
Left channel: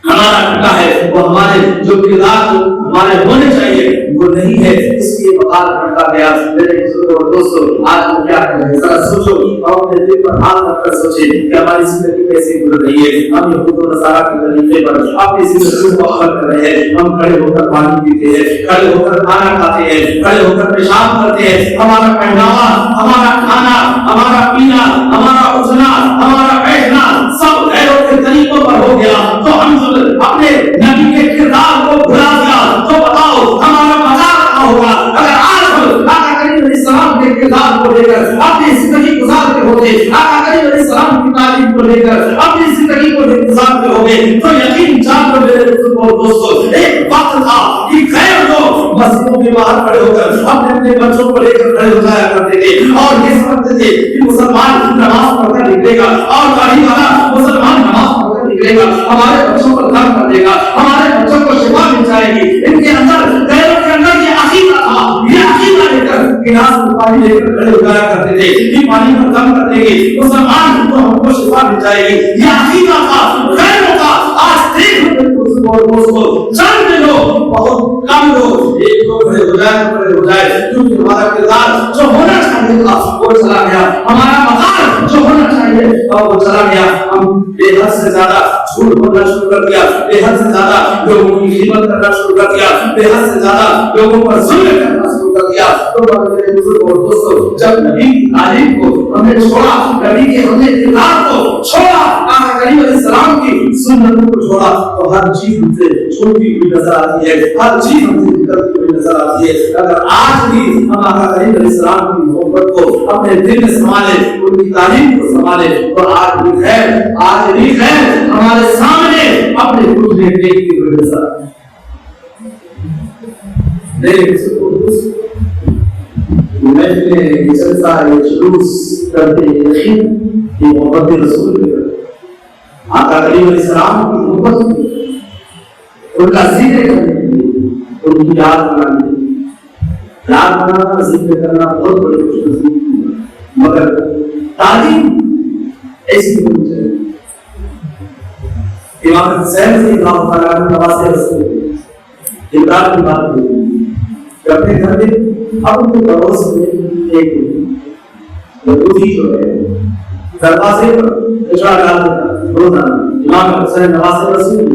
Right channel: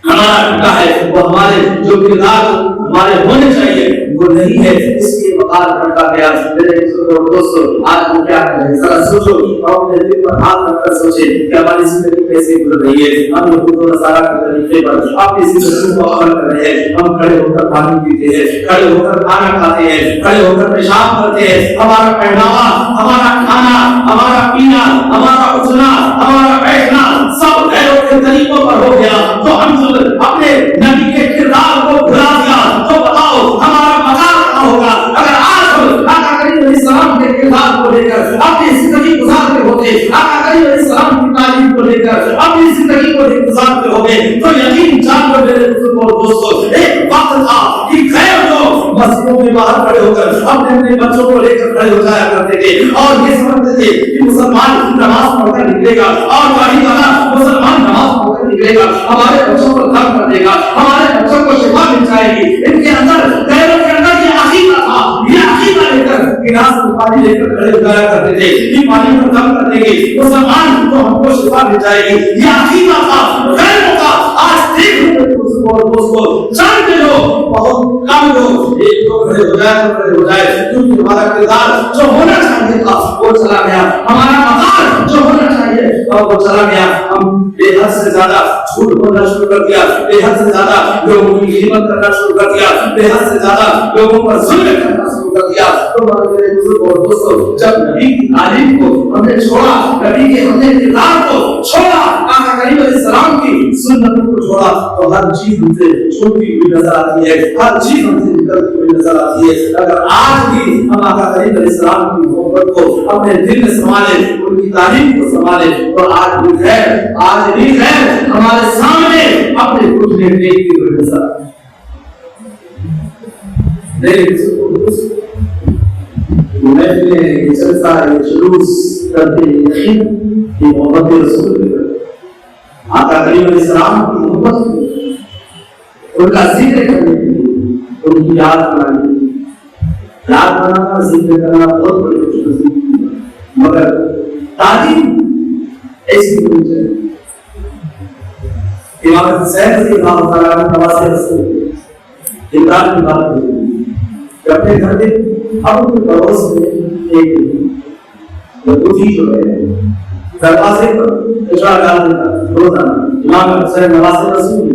ہمارا ٹکا ہے، وہ ہمارے جو کردار ہمارے ہونے چاہیے وہ نہیں ہے، اس لیے وقار بڑھتا گیا۔ میرے دوستو آج ہم کیا کر رہے ہیں؟ ذرا سوچو اور اپنے دل پر ہاتھ رکھ کر سوچیں کہ ہماری زندگی کیسے گزر رہی ہے۔ ہم یہود و نصارہ کے طریقے پر اپنی زندگی کو عمل کر رہے ہیں۔ ہم کھڑے ہو کر پانی پیتے ہیں، کھڑے ہو کر کھانا کھاتے ہیں، کھڑے ہو کر پیشاب کرتے ہیں۔ ہمارا پہناوا، ہمارا کھانا، ہمارا پینا، ہمارا اٹھنا، ہمارا بیٹھنا سب غیروں کے طریقوں پر ہو گیا۔ تو ہم اپنے نبی کے کردار کو بھلا دیا تو بتاؤ ہمارا مقام کہاں ہوگا؟ اگر آج ہم آقا کریم علیہ السلام کے کردار کو لے کر اپنی زندگی گزارتے ہوتے، آقا کریم علیہ السلام کی تعلیم کو لے کر اپنی زندگی کو گزارتے ہوتے تو یقین جان لو میرے دوستو ایک وقت تھا کہ غیر لوگ مسجدوں کے باہر کھڑے ہو کر اپنے بچوں کو لے کر کھڑے ہو جایا کرتے تھے اور یہ سمجھتے تھے کہ مسلمان نماز پڑھ کر نکلے گا اور داڑھی والا مسلمان نماز پڑھ کر نکلے گا، ہمارے بچوں کو دم کر دے گا، ہمارے بچوں کو شفا مل جائے گی۔ ان کے اندر غیروں کے اندر یہ عقیدہ تھا، یہ عقیدہ لے کر گلاس میں پانی لے کر کھڑے ہو جایا کرتے تھے کہ پانی کو دم کر دیں گے مسلمان تو ہم کو شفا مل جائے گی۔ یہ عقیدہ تھا غیروں کا۔ آج دیکھ لو دوستو چند لوگ، بہت کم لوگ، ایک دو کھڑے ہو جائے تو کھڑے ہو جائے، کیونکہ ہمارا کردار جو ہونا چاہیے تھا وہ چلا گیا، ہمارا مقام جو ہونا چاہیے وہ چلا گیا۔ ہم بے حد سے زیادہ جھوٹ بولنا شروع کر دیا، بے حد سے زیادہ لوگوں کی خدمت کرنا شروع کر دیا، بے حد سے زیادہ لوگوں پر ظلم کرنا شروع کر دیا۔ تو میرے بزرگ اور دوستو جب نبی کی تعلیم کو ہم نے چھوڑا، نبی کے ہم نے کردار کو چھوڑا، آقا کریم علیہ السلام کی سنت کو چھوڑا تو ہر چیز ہم سے چھوٹی ہوئی نظر آتی ہے، ہر چیز ہم سے نکلتی ہوئی نظر آتی ہے۔ اگر آج بھی ہم آقا کریم علیہ السلام کی محبت کو اپنے دل میں سنبھالے، ان کی تعلیم کو سنبھالے تو آج بھی خیر، آج بھی خیر ہمارے سامنے اپنے خود میں دیکھتی ہوئی نظر آتی ہے۔ محفلیں جلسہ یہ جلوس کرتے یقین یہ محبت رسول کے آقا کریم علیہ السلام کی محبت ان کا ذکر کرنے کے لیے، ان کی یاد بنانے کے لیے۔ یاد بنانا ذکر کرنا بہت بڑی خوش نصیبی، مگر تعلیم ایسی ہونی چاہیے۔ امام حسین رضی اللہ تعالیٰ عنہ نواسے رسول عمران کی بات ہوئی کہ اپنے گھر میں اب ان کے پڑوس میں ایک یہودی جو ہے دروازے پر کچرا ڈال دیتا روزانہ۔ امام حسین نواسے رسول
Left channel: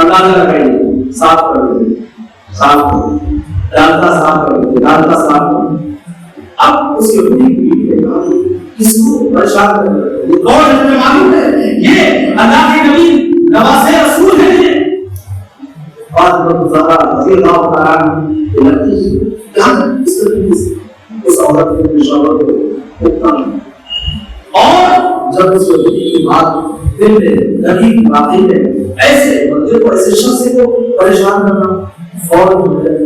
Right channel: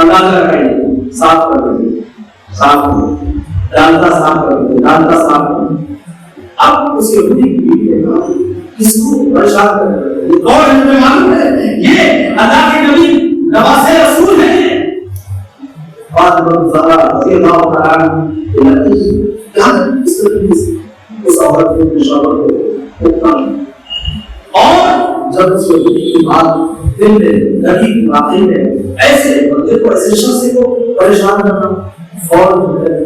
اندازہ لگائیے، صاف کر دیتے، صاف کر ڈالتا، صاف کر دیتے، ڈالتا، صاف کر دیتے۔ اب اس یہودی کی بیوی نے کہا کس کو پریشان کر رہے ہیں؟ یہ کون ہے؟ تمہیں معلوم ہے یہ اللہ کے نبی نواسے رسول ہیں یہ. فاطمہ زہرا رضی اللہ تعالیٰ عنہ اس عورت کے پشاور کو اور جب اس کی بات دل میں لگی واقعی میں ایسے بندے کو ایسے شخص کو پریشان کرنا فوراً جو ہے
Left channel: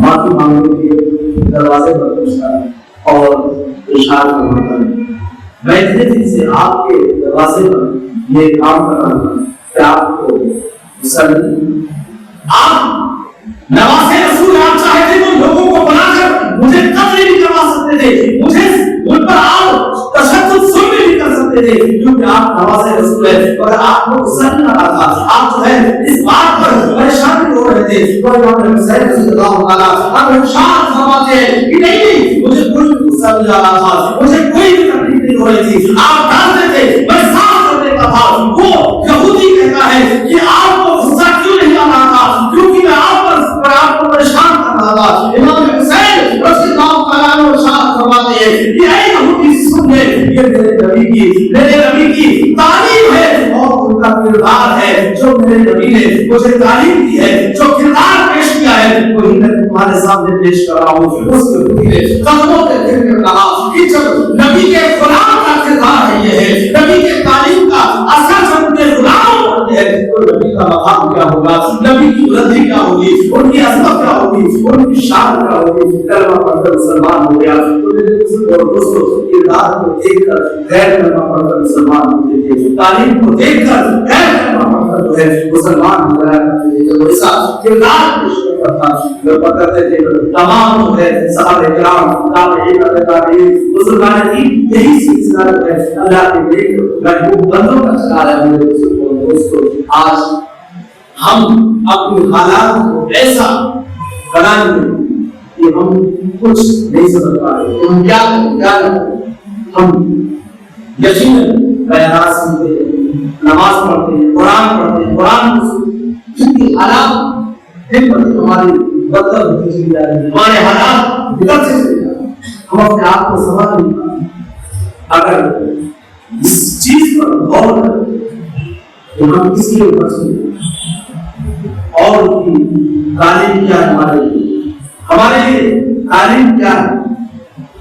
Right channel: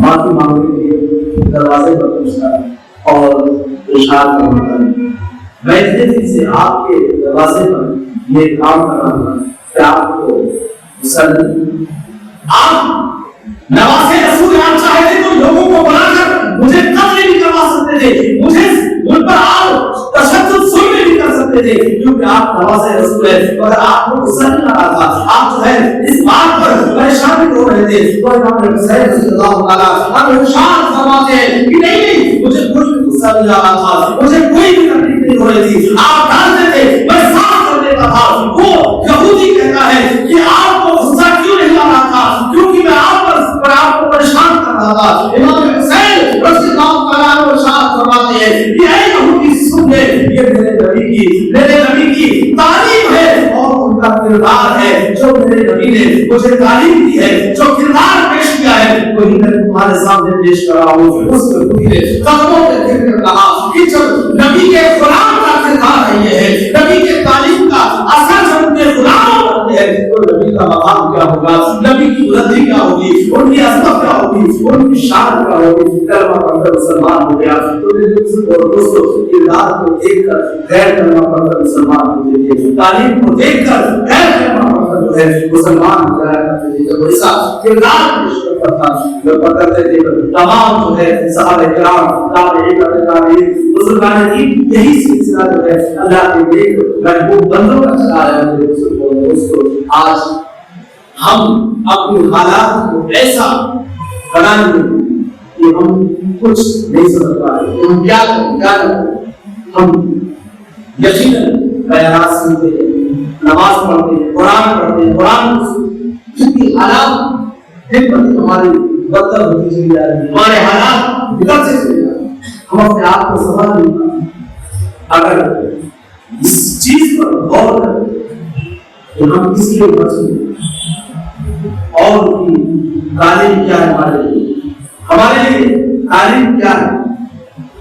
معافی مانگنے کے لیے دروازے پر پہنچتا اور ارشاد فرماتا ہے میں اتنے دن سے آپ کے دروازے پر یہ کام کر رہا تھا کہ آپ کو آپ نواسے رسول آپ چاہتے تو لوگوں کو بنا کر مجھے قتل بھی کروا سکتے تھے, مجھے ان پر آپ تشدد ظلم بھی کر سکتے تھے, کیونکہ آپ نواسے رسول ہیں اور آپ کو غصہ نہیں آ رہا تھا. آپ جو ہے اس بات پر پریشان بھی ہو رہے تھے تو امام حسین رضی اللہ تعالیٰ ارشاد فرماتے ہیں کہ نہیں مجھے کوئی غصہ نہیں آ رہا تھا, مجھے کوئی بھی تکلیف نہیں ہو رہی تھی. آپ ڈانٹتے تھے, میں صاف کر دیتا تھا. وہ یہودی کہتا ہے کہ آپ کو غصہ کیوں نہیں آ رہا تھا, کیونکہ میں آپ کو پریشان کر رہا تھا. امام حسین رضی اللہ تعالیٰ عنہ ارشاد فرماتے ہیں کہ اے یہودی سن لے, یہ میرے نبی کی تعلیم ہے اور ان کا کردار ہے جو میرے نبی نے مجھے تعلیم دی ہے, جو کردار پیش کیا ہے وہی میں تمہارے سامنے پیش کر رہا ہوں. اس نے قدموں پہ گر کر کہا کہ جب نبی کے غلام کا کردار ہے یہ ہے, نبی کے تعلیم کا اثر جب ان کے غلاموں پر ہے تو نبی کا مقام کیا ہوگا, نبی کی بلندی کیا ہوگی, ان کی عظمت کیا ہوگی, ان کی شان کیا ہوگی. کلمہ پڑھ کر مسلمان ہو گیا تو دوستوں کردار کو دیکھ کر غیر کلمہ پڑھ کر مسلمان ہوتے تھے, تعلیم کو دیکھ کر غیر کلمہ پڑھ کر جو ہے مسلمان ہو گیا کرتے تھے. جب ایسا کردار پیش کرتا تھا جو کرتے تھے تمام جو ہے صحابہ کرام تابعین مسلمان کی یہی سلسلہ جو ہے اللہ کے نیک محبوب بندوں کا چلا رہا ہے. دوستوں آج ہم اپنے حالات کو ایسا بنانے کہ ہم کچھ نہیں سمجھ پا رہے کہ ہم کیا کریں. ہم یقیناً بیانات سنتے ہیں, نماز پڑھتے ہیں, قرآن پڑھتے ہیں, قرآن جن کی حالات دن پر دن ہماری بدتر ہوتی چلی جا رہی ہے, ہمارے حالات بگڑتے چلے جا رہے ہیں, ہم اپنے آپ کو سمجھ نہیں پاتے. اگر اس چیز پر غور کریں کہ ہم کس لیے بچیں اور کی تعلیم کیا ہے ہمارے لیے تعلیم کیا ہے,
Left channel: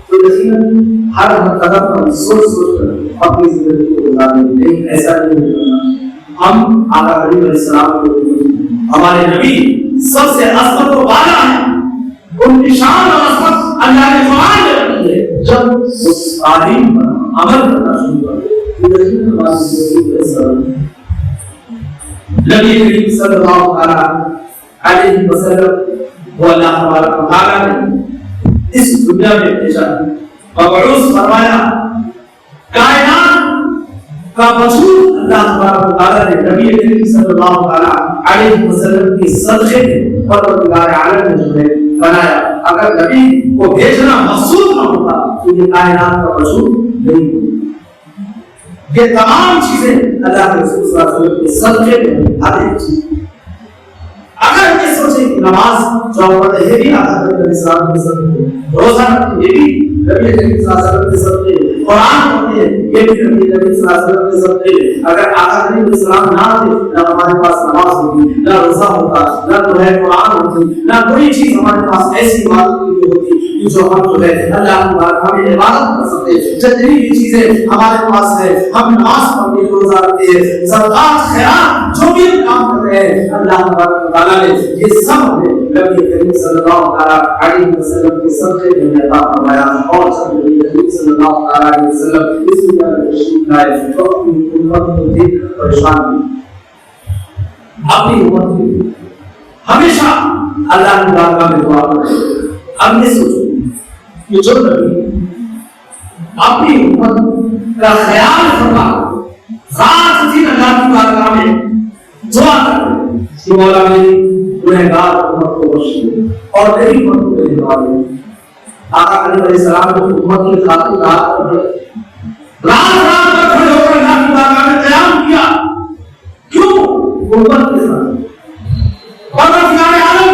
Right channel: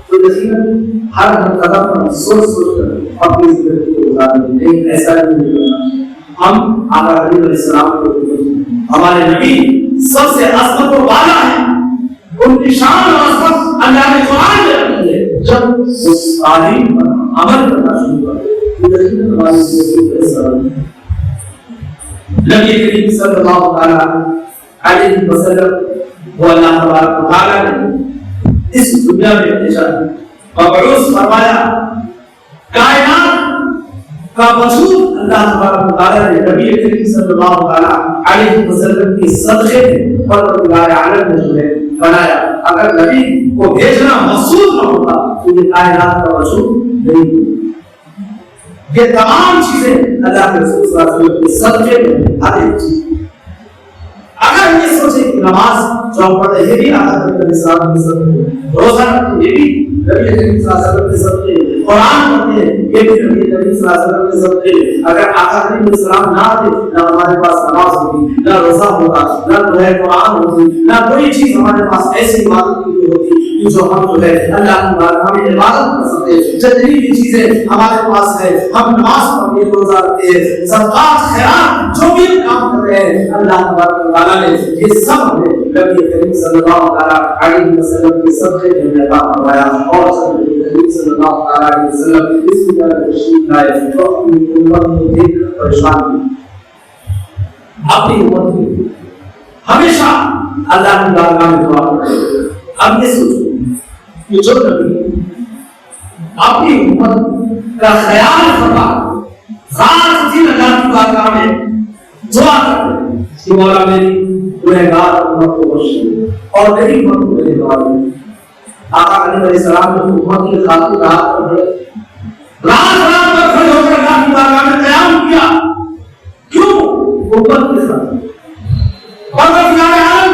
تو یقیناً ہر قدم پر سوچ کر اپنی زندگی کو گزارنے کی. لیکن ایسا نہیں کرنا. ہم آقا کریم علیہ السلام کو ہمارے نبی سب سے عظمت و بالا ہے, ان کی شان اور عظمت اللہ نے قرآن میں رکھی ہے. جب اس تعلیم پر عمل کرنا شروع کرے تو یقیناً ہماری زندگی کو ایسا نبی کریم صلی اللہ علیہ وسلم وہ اللہ تبارک و تعالیٰ نے اس دنیا میں بھیجا, مبعوث فرمایا. کائنات کا وجود اللہ تبارک و تعالیٰ نے نبی کریم صلی اللہ علیہ وسلم کی صدقے میں پروردگار عالم نے جو ہے بنایا. اگر نبی کو بھیجنا مقصود نہ ہوتا تو یہ کائنات کا وجود نہیں ہوتا. یہ تمام چیزیں اللہ کے رسول صلی اللہ علیہ وسلم کے صدقے میں ہر ایک چیز. اگر یہ سوچیں کہ نماز جو ہم پڑھتے ہیں یہ بھی آقا کریم علیہ السلام کے صدقے, روزہ رکھتے یہ بھی نبی کریم صلی اللہ علیہ وسلم کے صدقے, قرآن پڑھتے ہیں یہ بھی نبی کریم صلی اللہ علیہ وسلم کے صدقے. اگر آقا کریم علیہ السلام نہ آتے نہ ہمارے پاس نماز ہوتی, نہ روزہ ہوتا, نہ جو ہے قرآن ہوتی, نہ کوئی چیز ہمارے پاس ایسی عبادت کی ہوتی جو ہم جو ہے اللہ کی بارگاہ میں عبادت کر سکتے. جتنی بھی چیزیں ہمارے پاس ہے, ہم نماز پڑھتے ہیں, روزہ رکھتے ہیں, صدقات خیرات جو بھی کام کر رہے ہیں, اللہ تبارک و تعالیٰ نے یہ سب ہمیں نبی کریم صلی اللہ علیہ وسلم کے صدقے میں عطا فرمایا. اور جب نبی کریم صلی اللہ علیہ وسلم اس دنیا میں تشریف لائے تو اپنی امت کو دیکھ کر پریشان ہوئے. اپنی امت کو ہمیشہ اللہ کی بارگاہ میں دعا کرتے. اب یہ سوچو کہ جو نبی اپنی امت کا خیال فرما ذات دین اللہ کی بارگاہ میں دعا کرتے کہ مولا میری گنہگار امت کو بخش دے اور میری امت کو میری دعا دے. آقا علیہ السلام نے امت کی خاطر رات رات کھڑے ہو کر اللہ کی بارگاہ میں قیام کیا. کیوں؟ امت کے ساتھ پروردگار عالم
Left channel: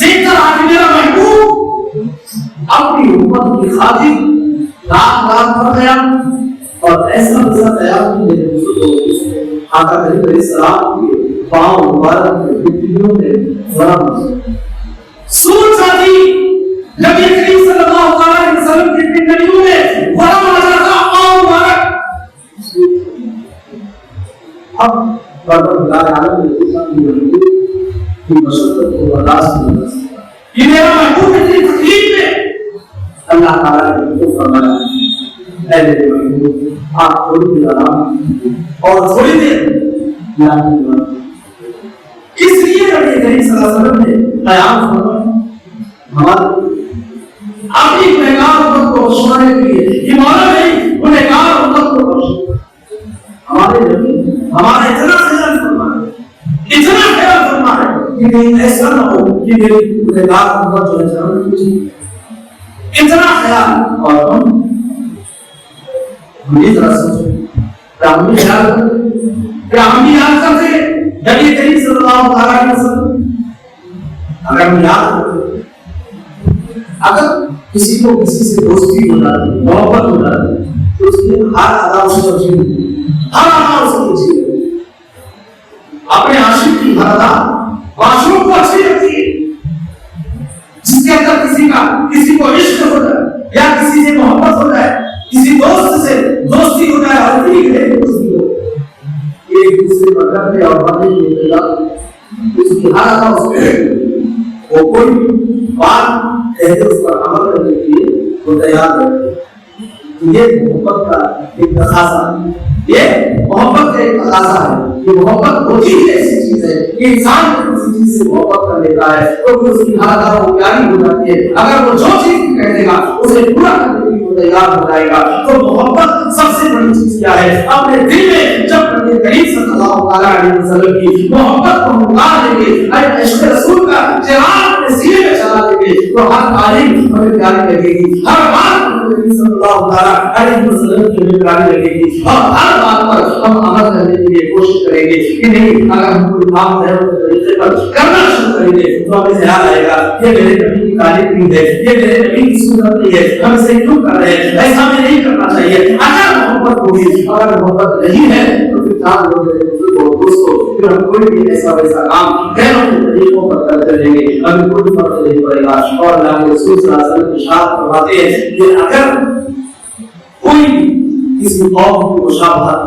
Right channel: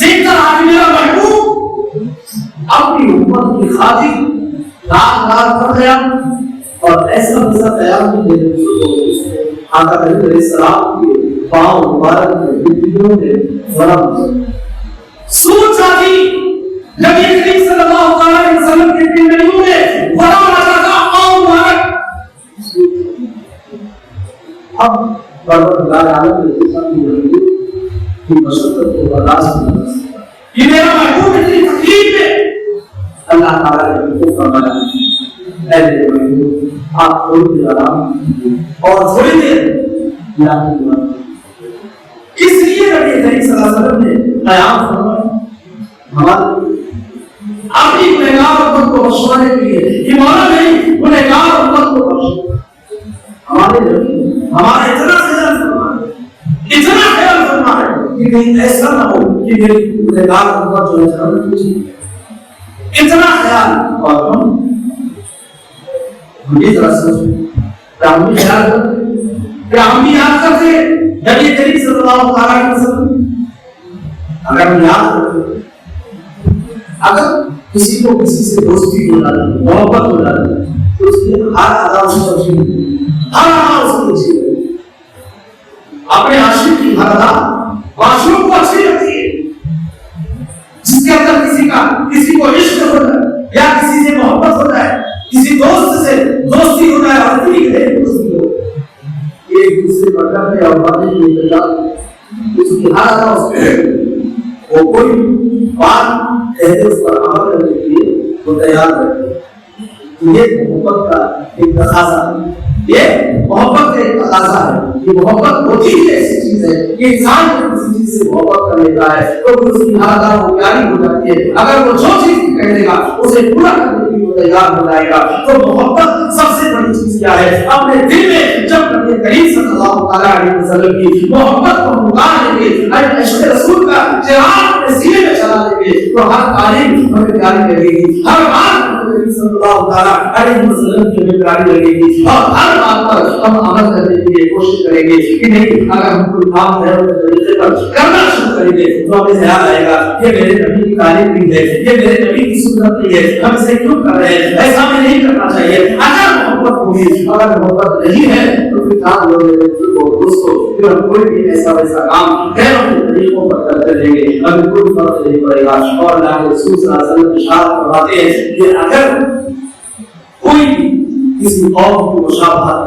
دیکھ کر آج میرا محبوب اپنی امت کی خاطر رات رات پر قیام, اور ایسا قیام آقا کریم علیہ السلام کے پاؤں مبارک میں مٹیوں میں ورم سوچا تھی نبی کریم صلی اللہ علیہ وسلم کی پنڈلیوں میں ورم آ جاتا پاؤں مبارک. اب پروردگار عالم نے دیکھا کہ مشقت کو برداشت نہیں کر سکتا. یہ میرا محبوب اتنی تکلیف میں اللہ تعالیٰ نے ان کو فرمایا اے میرے محبوب آپ تھوڑی دیر آرام اور تھوڑی دیر اس لیے نبی کریم صلی اللہ علیہ وسلم نے قیام فرمایا ہمارے اپنی گنہگار امت کو بخشوانے کے لیے. یہ مانا نہیں گنہگار امت کو بخشو. ہمارے نبی ہمارا اتنا خیال فرمایا اتنا خیال فرمایا کہ کہیں ایسا نہ ہو کہ میری گنہگار امت جو ہے جہنم میں جائے. اتنا خیال. اور ہم یہ ذرا سوچیں کیا ہم بھی خیال کرتے کیا ہم بھی یاد کرتے نبی کریم صلی اللہ علیہ وسلم. اگر ہم یاد کرتے اگر کسی کو کسی سے دوستی ہو جاتی محبت ہو جاتی تو اس کی ہر ادا اس کو اچھی ہر ادا اس کو اچھی اپنے عاشق کی ہر ادا معشوق کو اچھی لگتی ہے. جس کے اندر کسی کو عشق ہو جائے یا کسی سے محبت ہو جائے کسی دوست سے دوستی ہو جائے اور اتنی گہری دوستی ہو ایک دوسرے پر کرنے اور باتیں کی تجارت اس کی ہر ادا اس کو وہ کوئی بات کہتے اس پر عمل کرنے کے لیے وہ تیار رہتے. یہ محبت کا ایک تقاضا ہے. یہ محبت کا ایک تقاضا ہے. یہ محبت ہوتی ہی ایسی چیز ہے کہ انسان جب کسی چیز سے محبت کر لیتا ہے تو پھر اس کی ہر ادا وہ پیاری ہو جاتی ہے. اگر وہ جو چیز کہہ دے گا اسے پورا کرنے کے لیے وہ تیار ہو جائے گا. تو محبت سب سے بڑی چیز کیا ہے؟ اپنے دل میں جب نبی کریم صلی اللہ علیہ وسلم کی محبت کو نکال لیں گے عشق رسول کا چراغ اپنے سینے میں چلا لیں گے تو ہر تعلیم ہمیں پیاری لگے گی. ہر بات نبی صلی اللہ علیہ وسلم کی ہمیں پیاری لگے گی اور ہر بات پر ہم عمل کرنے کے لیے کوشش کریں گے کہ نہیں اگر ہم کوئی کام ہے اس طریقے پر کرنا شروع کریں گے تو ہمیں خیال آئے گا یہ میرے نبی کی تعلیم نہیں ہے یہ میرے نبی کی سنت نہیں ہے ہم اسے کیوں کر رہے ہیں ایسا ہمیں نہیں کرنا چاہیے. اگر محبت ہوگی اگر محبت نہیں ہے تو پھر جان لو میرے دوستوں پھر ہم کوئی بھی ایسا ویسا کام غیروں کے طریقوں پر کرتے رہیں گے ہمیں کوئی فرق نہیں پڑے گا. اور اللہ کے رسول صلی اللہ علیہ وسلم ارشاد فرماتے ہیں کہ اگر کوئی کسی قوم کی مشابہت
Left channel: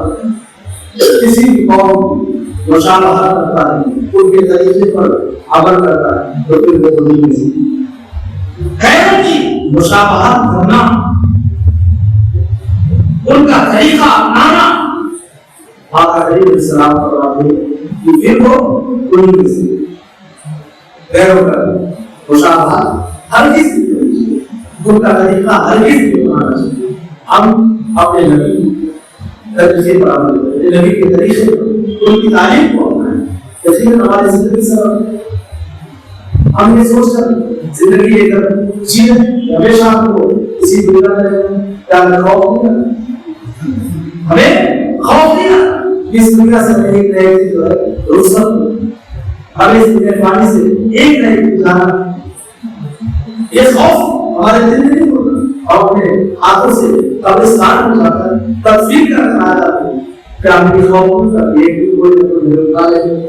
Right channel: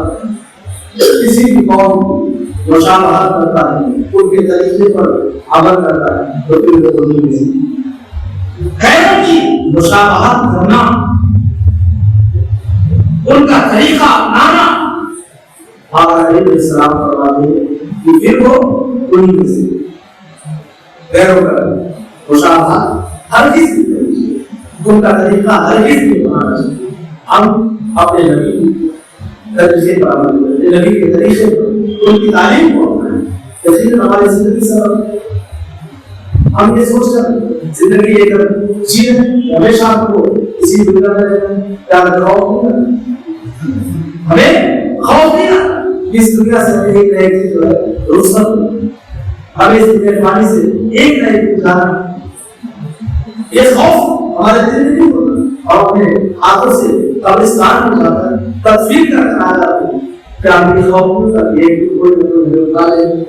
کسی بھی قوم کی مشابہت کرتا ہے ان کے طریقے پر عمل کرتا ہے تو پھر وہ نہیں مل سکتی. غیروں کی مشابہت کرنا ان کا طریقہ اپنانا آقا علیہ السلام فرماتے ہیں کہ پھر وہ کوئی نہیں مل سکتی. غیروں کا مشابہت ہرگز نہیں کرنی چاہیے ان کا طریقہ ہرگز نہیں اپنانا چاہیے. ہم اپنے نبی طریقے پر عمل کریں نبی کے طریقے پر ان کی تعلیم کو اپنائیں. یقیناً ہماری زندگی سبب ہم یہ سوچ کر زندگی لے کر جینے ہمیشہ ہم کو اسی دنیا میں کیا خوف نہیں کرنا ہمیں خوف نہیں کرنا اس دنیا سے ہمیں ایک نئے جو ہے رخصت ہمیں اس دنیا پانی سے ایک نئے جانا یہ خوف ہمارے دل میں نہیں ہوتا اور اپنے ہاتھوں سے قبرستان میں جا کر تصویر کر کے آ جاتے ہیں کہ ہم بھی خوف کرتے ہیں کہ کوئی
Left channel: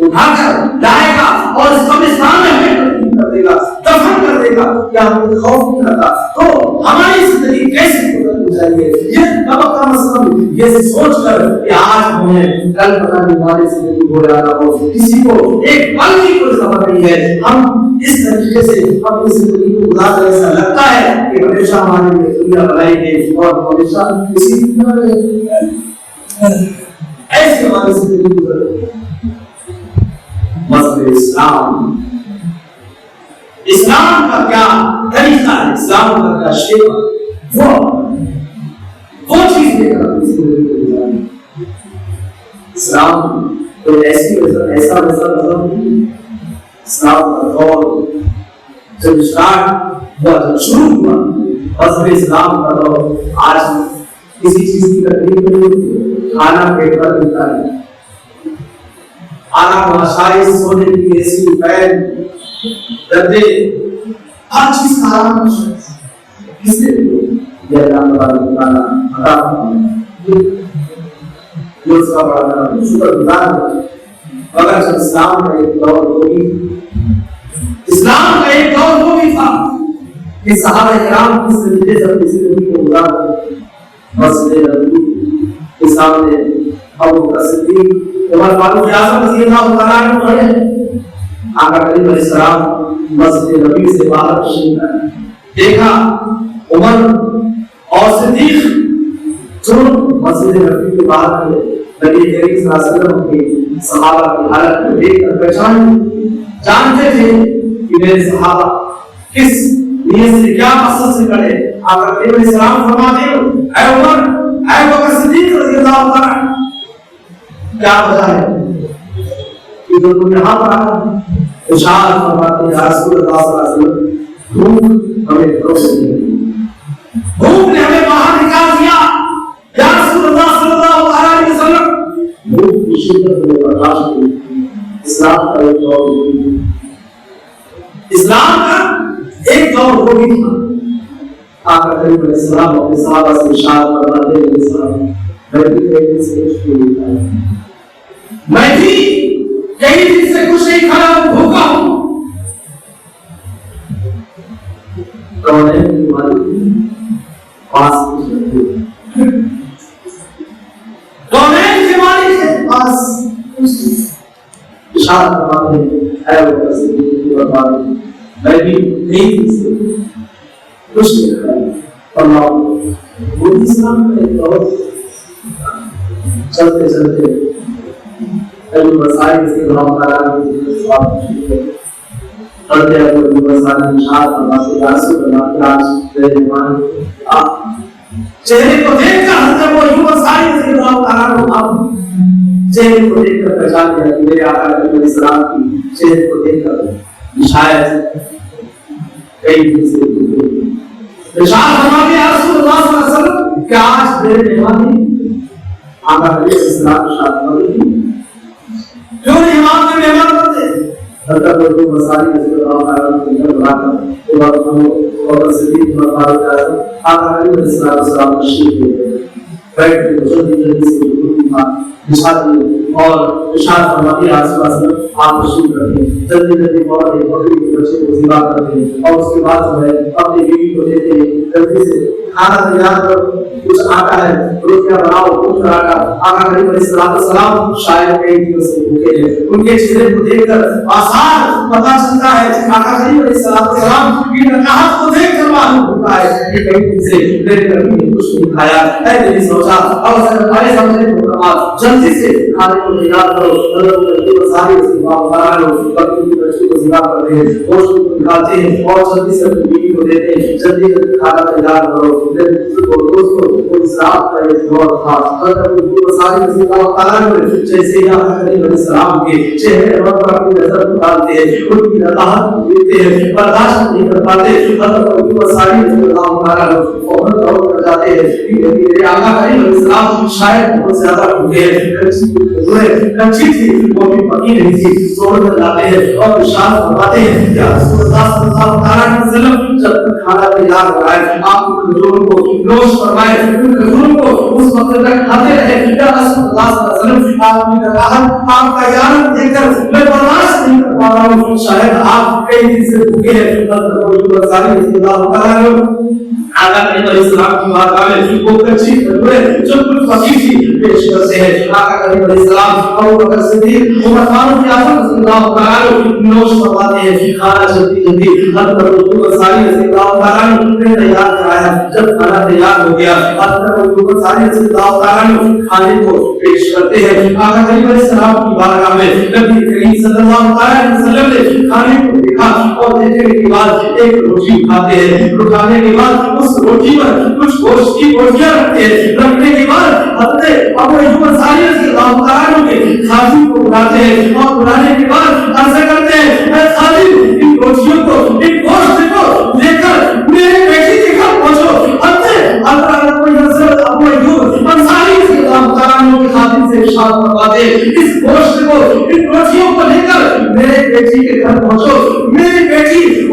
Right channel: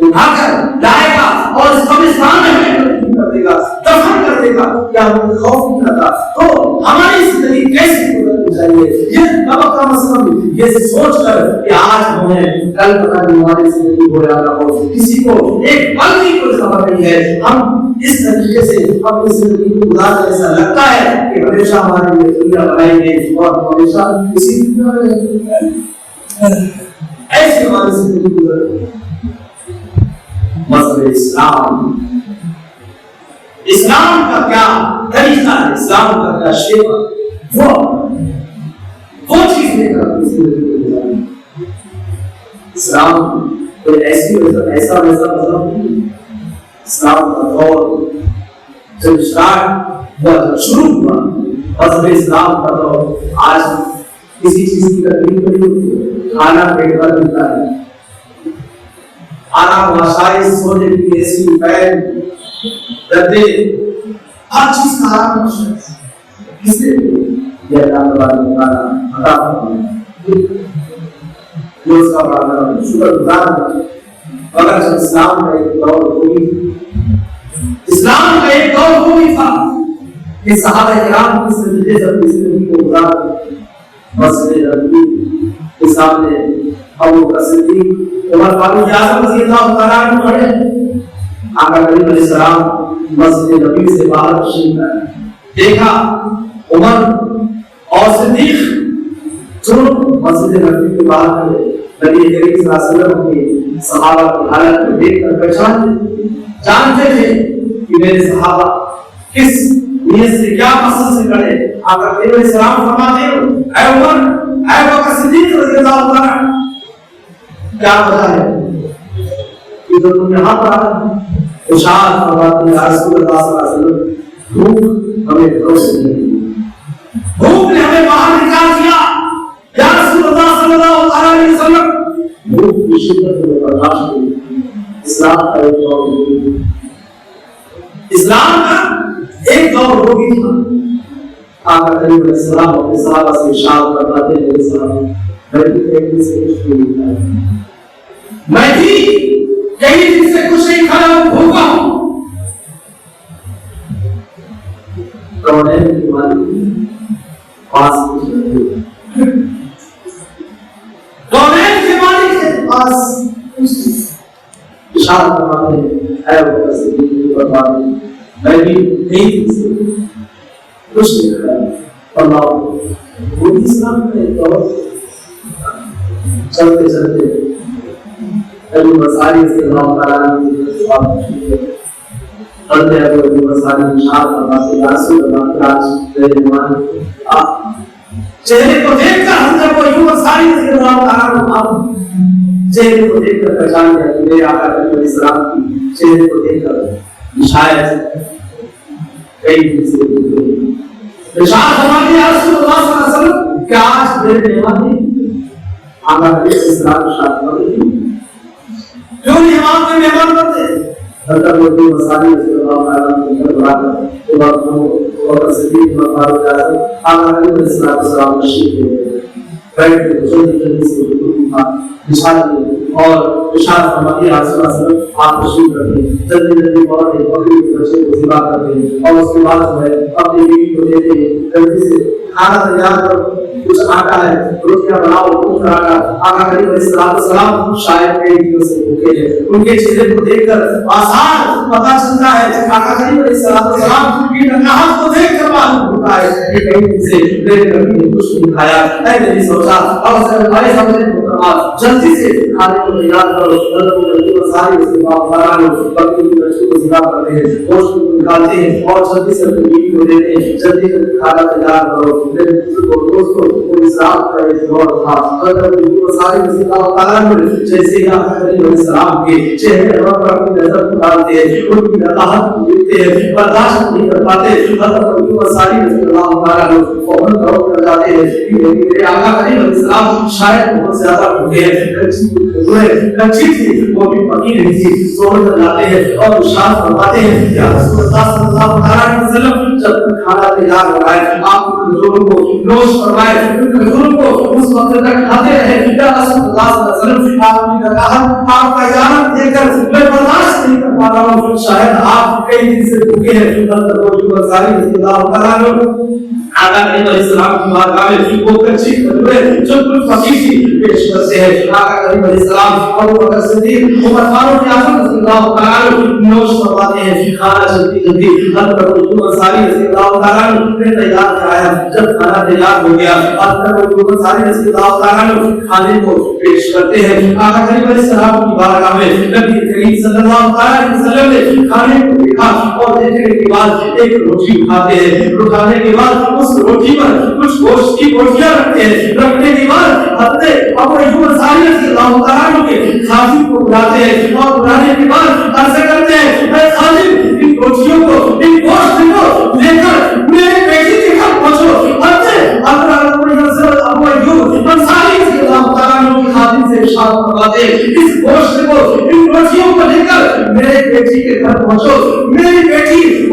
اٹھا کر لائے گا اور اس قبرستان میں ہمیں کر دے گا دفن کر دے گا کیا ہمیں خوف نہیں کرتا. تو ہماری زندگی کیسی گزرنی چاہیے یہ سبق کا مسئلہ یہ سوچ کر کہ آج ہمیں کل پتہ نہیں ہماری زندگی ہو جانا ہو کسی کو ایک پل کی کوئی خبر نہیں ہے. ہم اس طریقے سے اپنی زندگی کو گزار کر ایسا لگتا ہے کہ ہمیشہ ہمارے لیے دنیا بنائی گئی اور ہمیشہ اسی دنیا میں ایسی ہماری زندگی گزر رہی ہے. مذہب اسلام کا کیا طریقہ ہے اسلام کا کیا شیوا وہ چیز لے کر اپنی زندگی کو گزاریں. اسلام کوئی ایسا ویسا مذہب نہیں. اسلام کا دور جب اسٹارٹ ہوا جب شروع ہوا مذہب اسلام کا دور آج کسی چیز کی تکلیف نہیں ہوتی. کھانا پیٹ پر ملتا ہے آرام آسائش سونے کی ایسی فین گدے ہر چیز کا آرام آسائش کس نے یہ اللہ تعالیٰ نے کھانا عطا فرمایا. جو اس کا بڑا شکر گزار ہے. مگر جب اسلام کا ایک دور وہ بھی تھا کہ صحابہ کرام کی زندگی اپنی زندگی کو گزارتے مسجد نبوی کے سامنے ابو بکر صدیق عمر فاروق اعظم رضی اللہ تعالیٰ عنہ کھڑے ہیں. آقا کریم علیہ السلام مسجد نبوی سے باہر تشریف لائے. دیکھا عمر اور صدیق جو مسجد نبوی کے باہر کھڑے. نبی کریم صلی اللہ علیہ وسلم کے صحابہ کی حالت کو دیکھ کر جانتے تھے کہ میرے صحابہ کس نیت سے کیا مقصد سے کھڑے. آقا کریم علیہ السلام فرماتے ہیں اے عمر اے بکر صدیق رضی اللہ تعالیٰ کیا وجہ ہے کہ جو تم یہاں پر آئے. ارشاد فرماتے ہیں یا رسول اللہ صلی اللہ علیہ وسلم بھوک ہمیں گھروں سے نہیں, بھوک نے ہمیں باہر نکال دیا. یا رسول اللہ صلی اللہ علیہ وسلم بھوک کی شدت میں برداشت کی. اسلام کا ایک دور ہوگی, اسلام کا ایک دور ہوگی تھا. آقا کریم علیہ السلام اپنے صحابہ سے ارشاد فرماتے ہیں میں بھی کئی دن سے کچھ نہیں کھایا, میں بھی کئی دن سے کچھ نہیں کھایا ہوں, بھوکا ہوں. کونین کی مالک پاس کونین کے مالک کے پاس ارشاد فرماتے ہیں اے بکر صدیق کی بربادی میں بھی کئی دن سے کچھ نہیں کھایا. اللہ وہ اسلام کا ایک دور چلتے چلتے ابو مساری رضی اللہ تعالیٰ عنہ پڑھتے ابو مساری ارشاد فرماتے یا رسول اللہ کہ آج تیرے ایمان چہرے کو دیکھ کر حضرت ابو مساری رضی اللہ تعالیٰ عنہ چہرے کو دیکھ کر پہچان گیا کہ میرے آقا نبی علیہ السلام کی چہرے کو دیکھ کر شاید کئی دن سے ارشاد فرماتے یا رسول اللہ صلی اللہ علیہ وسلم کہ آج میرے مہمان آقا نبی علیہ السلام ارشاد فرماتے کیوں نہیں ہم مہمان بنتے. حضرت ابو مساری رضی اللہ تعالیٰ عنہ بلا کر بکر صدیق عمر فاروق اعظم آقا نبی علیہ السلام تشریف لے گئے. بیٹھ کے جلدی جلدی سے بچھا دیے اور ارشاد فرماتے ہیں رسول اللہ صلی اللہ علیہ وسلم آپ تشریف رکھیں. جلدی جلدی فوراً ایک بکری کے بچے کو ذبح کرتے ہیں اور اس کے بعد جو ہے اپنی بیوی کو دیتے ہیں جلدی سے کھانا تیار کرو, کچھ آٹا ہے روٹیاں بناؤ, کچھ آٹا. آقا کریم علیہ السلام شاید کئی دنوں سے بھوکے ہیں. ان کے چہرے کو دیکھ کر آسان پتہ چلتا ہے آقا کریم علیہ السلام کی نکاحت کو دیکھ کر معلوم ہوتا ہے کہ کئی دن سے میرے نبی نے کچھ نہیں کھایا. اے نبی سوچا اور ہمارے سامنے جلدی سے کھانے کو تیار کرو. ساری بکری کی بچی کو ذبح کرتے ہیں, گوشت کو نکالتے ہیں اور جلدی سے اپنی بیوی کو دیتے ہیں. جلدی سے کھانا تیار کرو. دوستوں کو اسلام کا ایک دور تھا. ساری رضی اللہ تعالیٰ عنہ جیسے ہی آقا کریم علیہ السلام کے چہرے پر اپنی نظر ڈالتے ہیں, ان کی نکاحت کو دیکھتے ہیں, برداشت نہیں کر پاتے. حضرت ساری رضی اللہ تعالیٰ عنہ فوراً دوڑ کر جاتے ہیں کہ میرے آقا کریم علیہ السلام شاید بہت زیادہ بھوکے ہیں, کچی تھی وہ بھی پکی نہیں تھی. دوڑ کر جاتے ہیں اور ارشاد فرماتے ہیں یا رسول اللہ صلی اللہ علیہ وسلم جب تک کھانا تیار ہو رہا ہے آپ کھجور کو نوش فرمائے, کھجور کو اس وقت تک کھاتے رہے. یا رسول اللہ صلی اللہ علیہ وسلم آپ کی نکاحت آپ کا یارم دیکھ کر میں برداشت نہیں کر پا رہا ہوں, شاید آپ کئی دن سے بھوکے ہیں. حضرت ساری رضی اللہ تعالیٰ عنہ آقا کریم علیہ السلام کی بارگاہ میں وہ کچی کھجوریں جو کچھ پکی تھی پیش کرتے ہیں. آقا کریم علیہ السلام ابو بکر صدیق عمر فاروق اعظم رضی اللہ تعالیٰ عنہ نوش فرماتے ہیں. کھانا جلدی جلدی حضرت ساری رضی اللہ تعالیٰ عنہ نے تیار کرایا. جب کھانا تیار ہو گیا حضرت ساری رضی اللہ تعالیٰ عنہ کھانے کو پیش کرتے ہیں. آقا کریم علیہ السلام کی بارگاہ میں نبی کریم صلی اللہ علیہ وسلم نے کھانے کو دیکھا اور دیکھنے کے بعد ایک روٹی اٹھاتے ہیں. اٹھانے کے بعد اس روٹی پر کچھ گوشت کی بوٹیاں رکھتے ہیں. رکھنے کے بعد حضرت ابو ایوب انصاری رضی اللہ تعالیٰ عنہ کے خادم کو بلاتے ہیں اور بلانے کے بعد عرض کرتے ہیں اے خادم ان روٹیوں کو ان گوشت کو لے کر میرے بیٹی کے گھر پہنچو. حضرت ابو ایوب انصاری رضی اللہ تعالیٰ عنہ کے خادم سے ارشاد فرماتے ہیں اس گوشت کو ان روٹیوں کو لے کر میرے بیٹی کے گھر پہنچو. میری بیٹی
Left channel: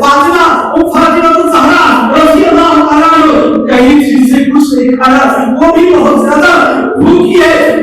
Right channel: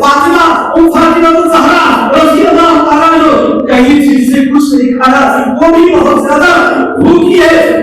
فاطمہ الزہرا رضی اللہ تعالیٰ عنہ کہیں چیز سے کچھ نہیں کھایا, وہ بھی بہت زیادہ بھوکی ہے.